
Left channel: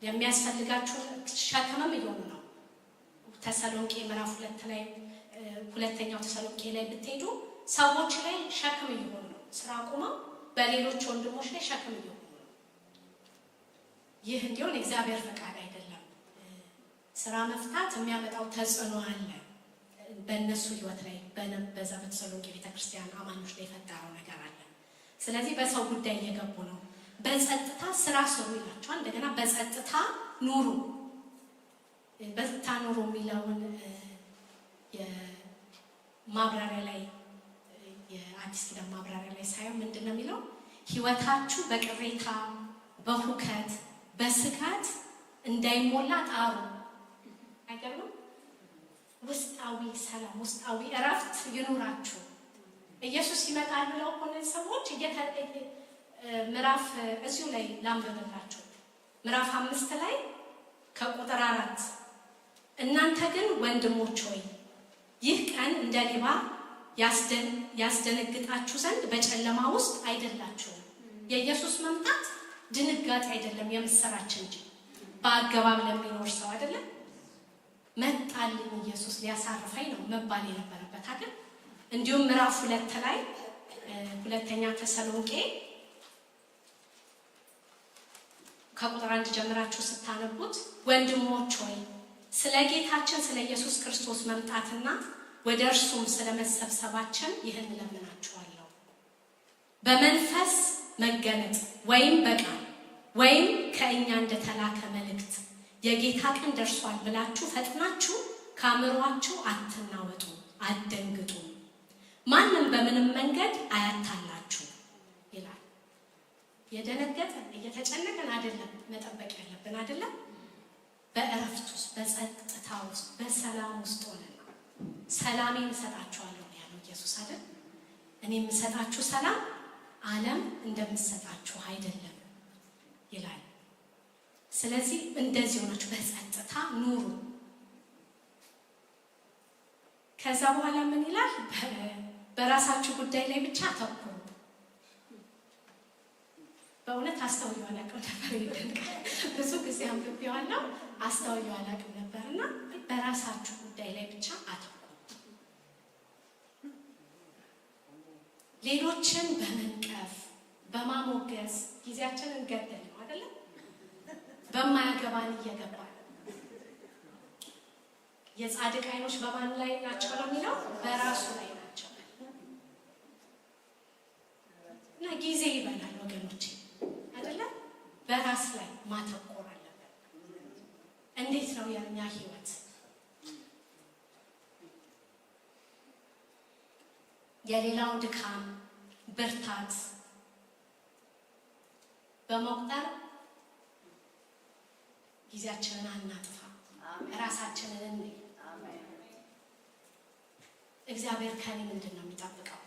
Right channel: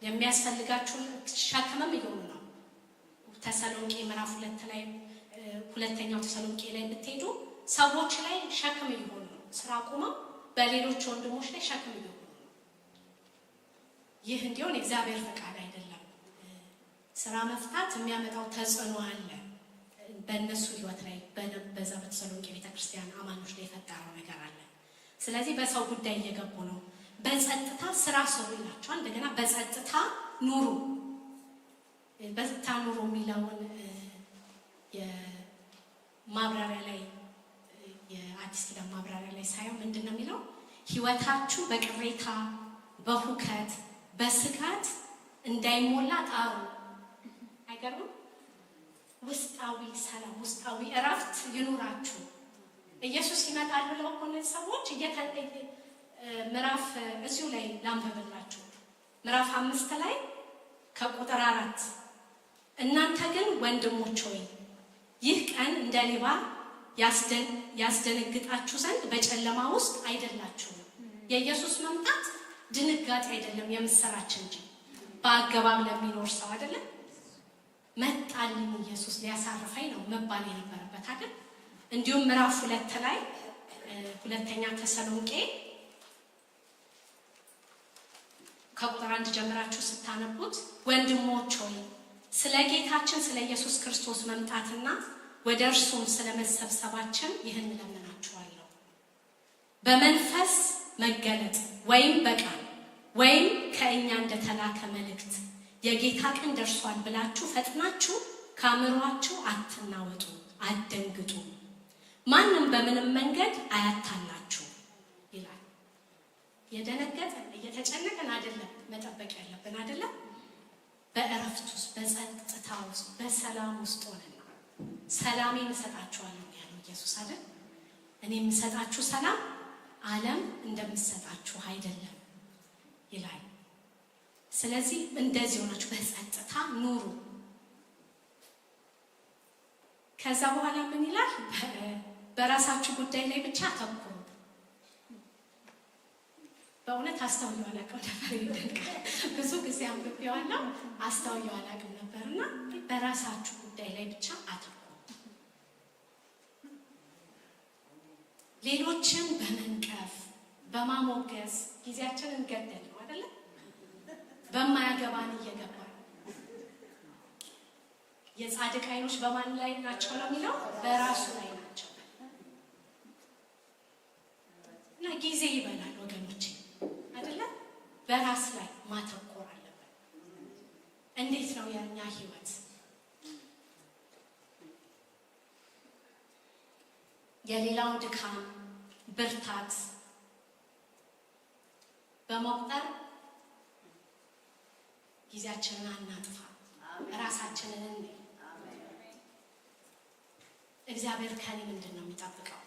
የሚያስፈልጋችሁን ሸክምም እየሆኑ ነው። ተሰሎንቄ ምዕራፍ 2 ላይ ሁለተኛው ተሰሎንቄ ላይ ብትሄዱ ሰዎች ላይ ሸክም እየሆኑ ነው። ስራ አቁመው በሌሎች ወንድሞች ላይ ሸክም እየሆኑ ነው። ይህ እንዲሆን የእግዚአብሔር ፈቃድ አይደለም። ስራ መፍታት የሚያመጣው ተጽዕኖ አለ በእነሱ ህይወት ላይ፣ በዛ በተሰሎንቄ ቤተክርስቲያን አማኞች ላይ የፈጠረው ነገር አለ። ስለዚህ በሰው ጉዳይ እየገቡ ነው። በጸጥታ ስራ ስሩ ይላችኋል። እንደገና በጸጥታ ኑሩ። በጸጥታ ኑሩ የሚለውን የማብራሪያ ላይ የአዲስ ኪዳን ማብራሪያ ላይ ሳየው ምንድነው የሚለው? ህይወታችሁ በቅሬታ በሁከት በስጋት እንዳይሞላ ጣሩ። አይገርምም? ውስጣዊ ሰላም ውስጣዊ እረፍት ይኑራችሁ። ኢየሱስ ይመጣል ብለው እኮ እነዚህ ሰዎች ምዕራፍ እዚሁ ላይ ላንብብላችሁ። ምዕራፍ 5 ላይ ከቁጥር 4 እናንተ ግን ወንድሞች ሆይ ይህ ቀን እንደ ሌባ ያስደነግጣችሁ ዘንድ በጨለማ ውስጥ አይደላችሁም። የኢየሱስ መምጣት ድንጋጤ አይደለም፣ የምስራች እንጂ በአገባብ ለሚኖር ሰው አይደለም። መጣልኝ ኢየሱስ ሊያሳርፈኝ ነው መባል የነበረበት አይደል? እንዲሁም ምዕራፍ 2 ላይ ሁለተኛ ተሰሎንቄ ከቁጥር 1 ጀምራችሁ ስታነቡት ወንድሞች ሆይ ስለ ጌታችን ስለ ኢየሱስ ክርስቶስ መምጣትና ወደ እርሱም ስለ መሰብሰባችን ይህን እለምናችኋለሁ። በመንፈስ መገለጥ ወይም በቃል ወይም ከእኛ እንደተላከ መልእክት የጌታ ቀን ደርሷል ብላችሁ ፈጥናችሁ ከአእምሯችሁ አትናወጡ፣ አትደንግጡ። ማንም በምንም መንገድ አያታላችሁ ይላል። የደነገጠን እየተጨነቀን አይደለም መጠበቅ ያለብን አይደለም። በእረፍት ውስጥ በጸጥታ ውስጥ በሰላም ውስጥ ሆነን ሰላሜን እሰጣችኋለሁ ያለው ኢየሱስ አይደል? እኔ የምሰጣችሁ ሰላም ዓለም እንደምሰጣችሁ አይደለም ይላል። ስለዚህ እንደዚህ ሆናችሁ በጸጥታ ኑሩ። ከዛ በኋላ ምን ይላል? በራሳችሁ ጉዳይ ላይ ብቻ አተኩሩ። በእውነት አስተውየው አላውቅም ነበር። ይደንቃል። ብዙ ጊዜ አንብቤዋለሁ፣ አስተውየው አላውቅም ነበርና በራሳችሁ ጉዳይ ላይ ብቻ አተኩሩ። ሌሎችን በመንቀፍ በማሞገስ ጊዜያችንን ገደል ነው አይደለ? በማያገባን እየገባን የጻድቅ አይኖች በማን ላይ ናቸው ነው የሚለው? በራሱ ላይ ናቸው። እና ጊዜ ይበላል ወገኖቼ አይደለ? በራስ ላይ ማተኮር አለብን። እንዴት ነው የኛ ህይወት? የሌላው ድካም ብርታት በመቁጠር ጊዜያችንን አናጥፋ። ራሳችንን እንይ። እግዚአብሔር ከኔ ምንድን ነው የሚጠብቀው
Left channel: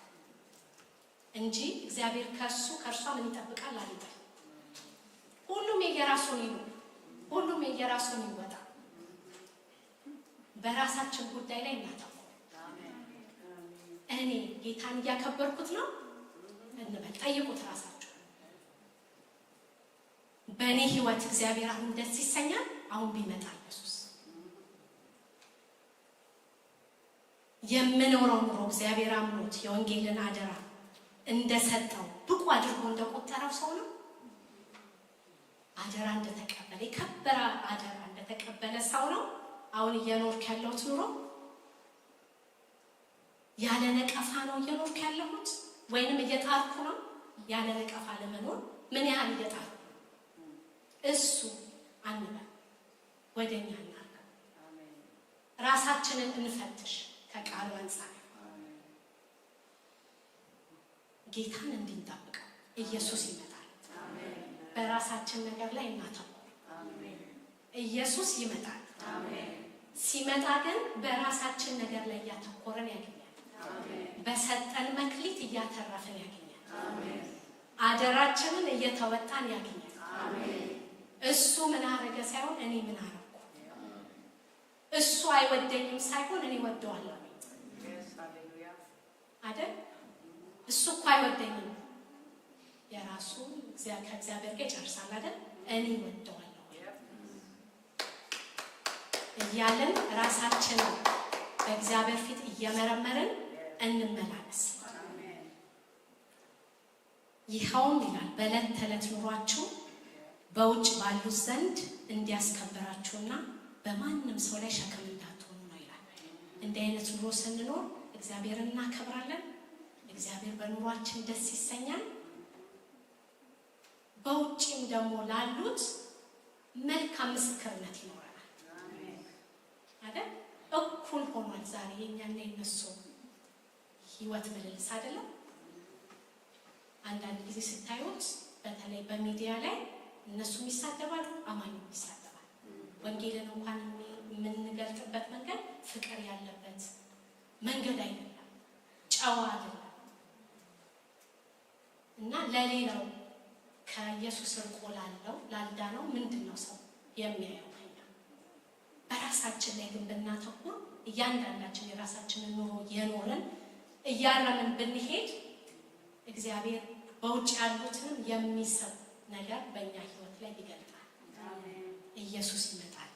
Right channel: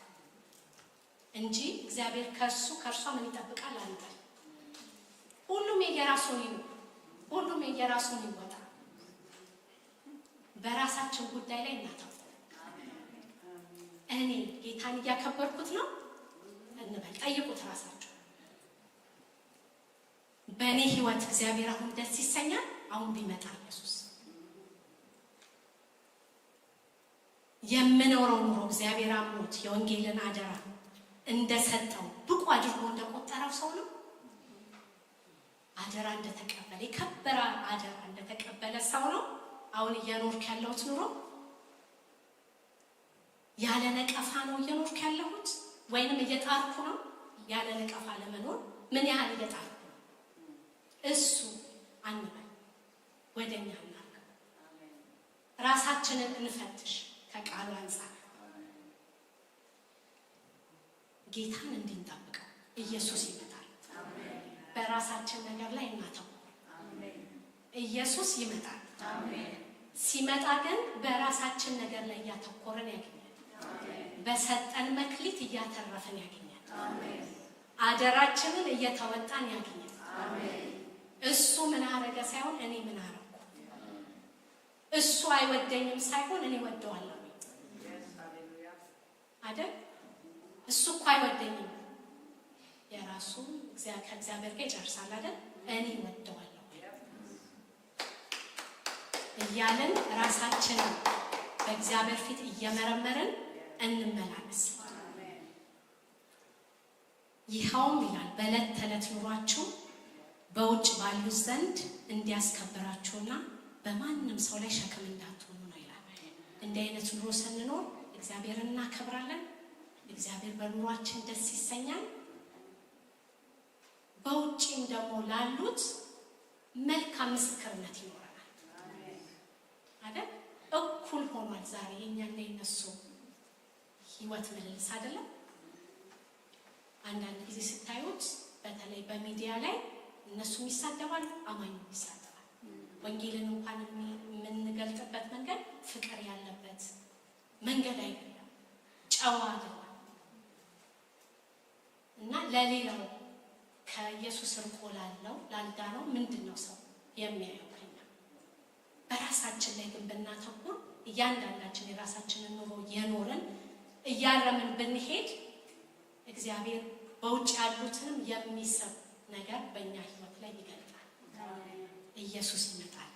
እንጂ እግዚአብሔር ከእርሷ ምን ይጠብቃል አንበል። ሁሉም የየራሱን ይሉ፣ ሁሉም የየራሱን ይወጣ። በራሳችን ጉዳይ ላይ እናተኩር። እኔ ጌታን እያከበርኩት ነው እንበል። ጠይቁት ራሳችሁ። በእኔ ህይወት እግዚአብሔር አሁን ደስ ይሰኛል? አሁን ቢመጣ ኢየሱስ የምኖረው ኑሮ እግዚአብሔር አምኖት የወንጌልን አደራ እንደሰጠው ብቁ አድርጎ እንደቆጠረው ሰው ነው? አደራ እንደተቀበለ የከበረ አደራ እንደተቀበለ ሰው ነው አሁን እየኖርክ ያለሁት ኑሮ? ያለ ነቀፋ ነው እየኖርክ ያለሁት ወይንም እየጣርኩ ነው? ያለ ነቀፋ ለመኖር ምን ያህል እየጣርኩ ነው? እሱ አንበል፣ ወደኛ እናርገው። ራሳችንን እንፈትሽ። ከቃሉ አንፃር ጌታን እንድንጠብቀው ኢየሱስ ይመጣል። በራሳችን ነገር ላይ እናተኩር። ኢየሱስ ይመጣል። ሲመጣ ግን በራሳችን ነገር ላይ እያተኮረን ያገኛል። በሰጠን መክሊት እያተረፍን ያገኛል። አደራችንን እየተወጣን ያገኛል። እሱ ምን አረገ ሳይሆን እኔ ምን አረኩ፣ እሱ አይወደኝም ሳይሆን እኔ ወደዋለሁ አይደል? እሱ እኮ አይወደኝም የራሱ ከእግዚአብሔር ጋር ይጨርሳል አይደል? እኔ ወደዋለሁ እያልን ራሳችንን በእግዚአብሔር ፊት እየመረመርን እንመላለስ። ይኸውም ይላል በዕለት ተዕለት ኑሯችሁ በውጭ ባሉት ዘንድ እንዲያስከብራችሁና በማንም ሰው ላይ ሸክም እንዳትሆኑ ነው ይላል። እንዲህ አይነት ኑሮ ስንኖር እግዚአብሔርን እናከብራለን። እግዚአብሔር በኑሯችን ደስ ይሰኛል። በውጭም ደግሞ ላሉት መልካም ምስክርነት ይኖረናል አይደል? እኩል ሆኗል ዛሬ የኛና የነሱ ህይወት ምልልስ አይደለም። አንዳንድ ጊዜ ስታዩት በተለይ በሚዲያ ላይ እነሱም ይሳደባሉ፣ አማኙም ይሳደባል። ወንጌልን እንኳን የምንገልጥበት መንገድ ፍቅር ያለበት መንገድ አይደለም፣ ጨዋ አይደለም እና ለሌላው ከኢየሱስ ርቆ ላልዳነው ምንድነው ሰው የሚያየው? በራሳችን ላይ ግን ብናተኩር እያንዳንዳችን የራሳችንን ኑሮ የኖርን እያረምን ብንሄድ እግዚአብሔር በውጭ ያሉትንም የሚሰብ ነገር በእኛ ህይወት ላይ ይገልጣል። ኢየሱስ ይመጣል።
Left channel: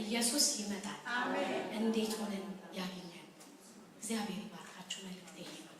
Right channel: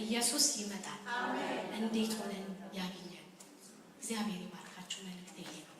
ኢየሱስ ይመጣል። እንዴት ሆነን ያገኛል? እግዚአብሔር ይባርካችሁ። መልእክቴ ይሄ ነው።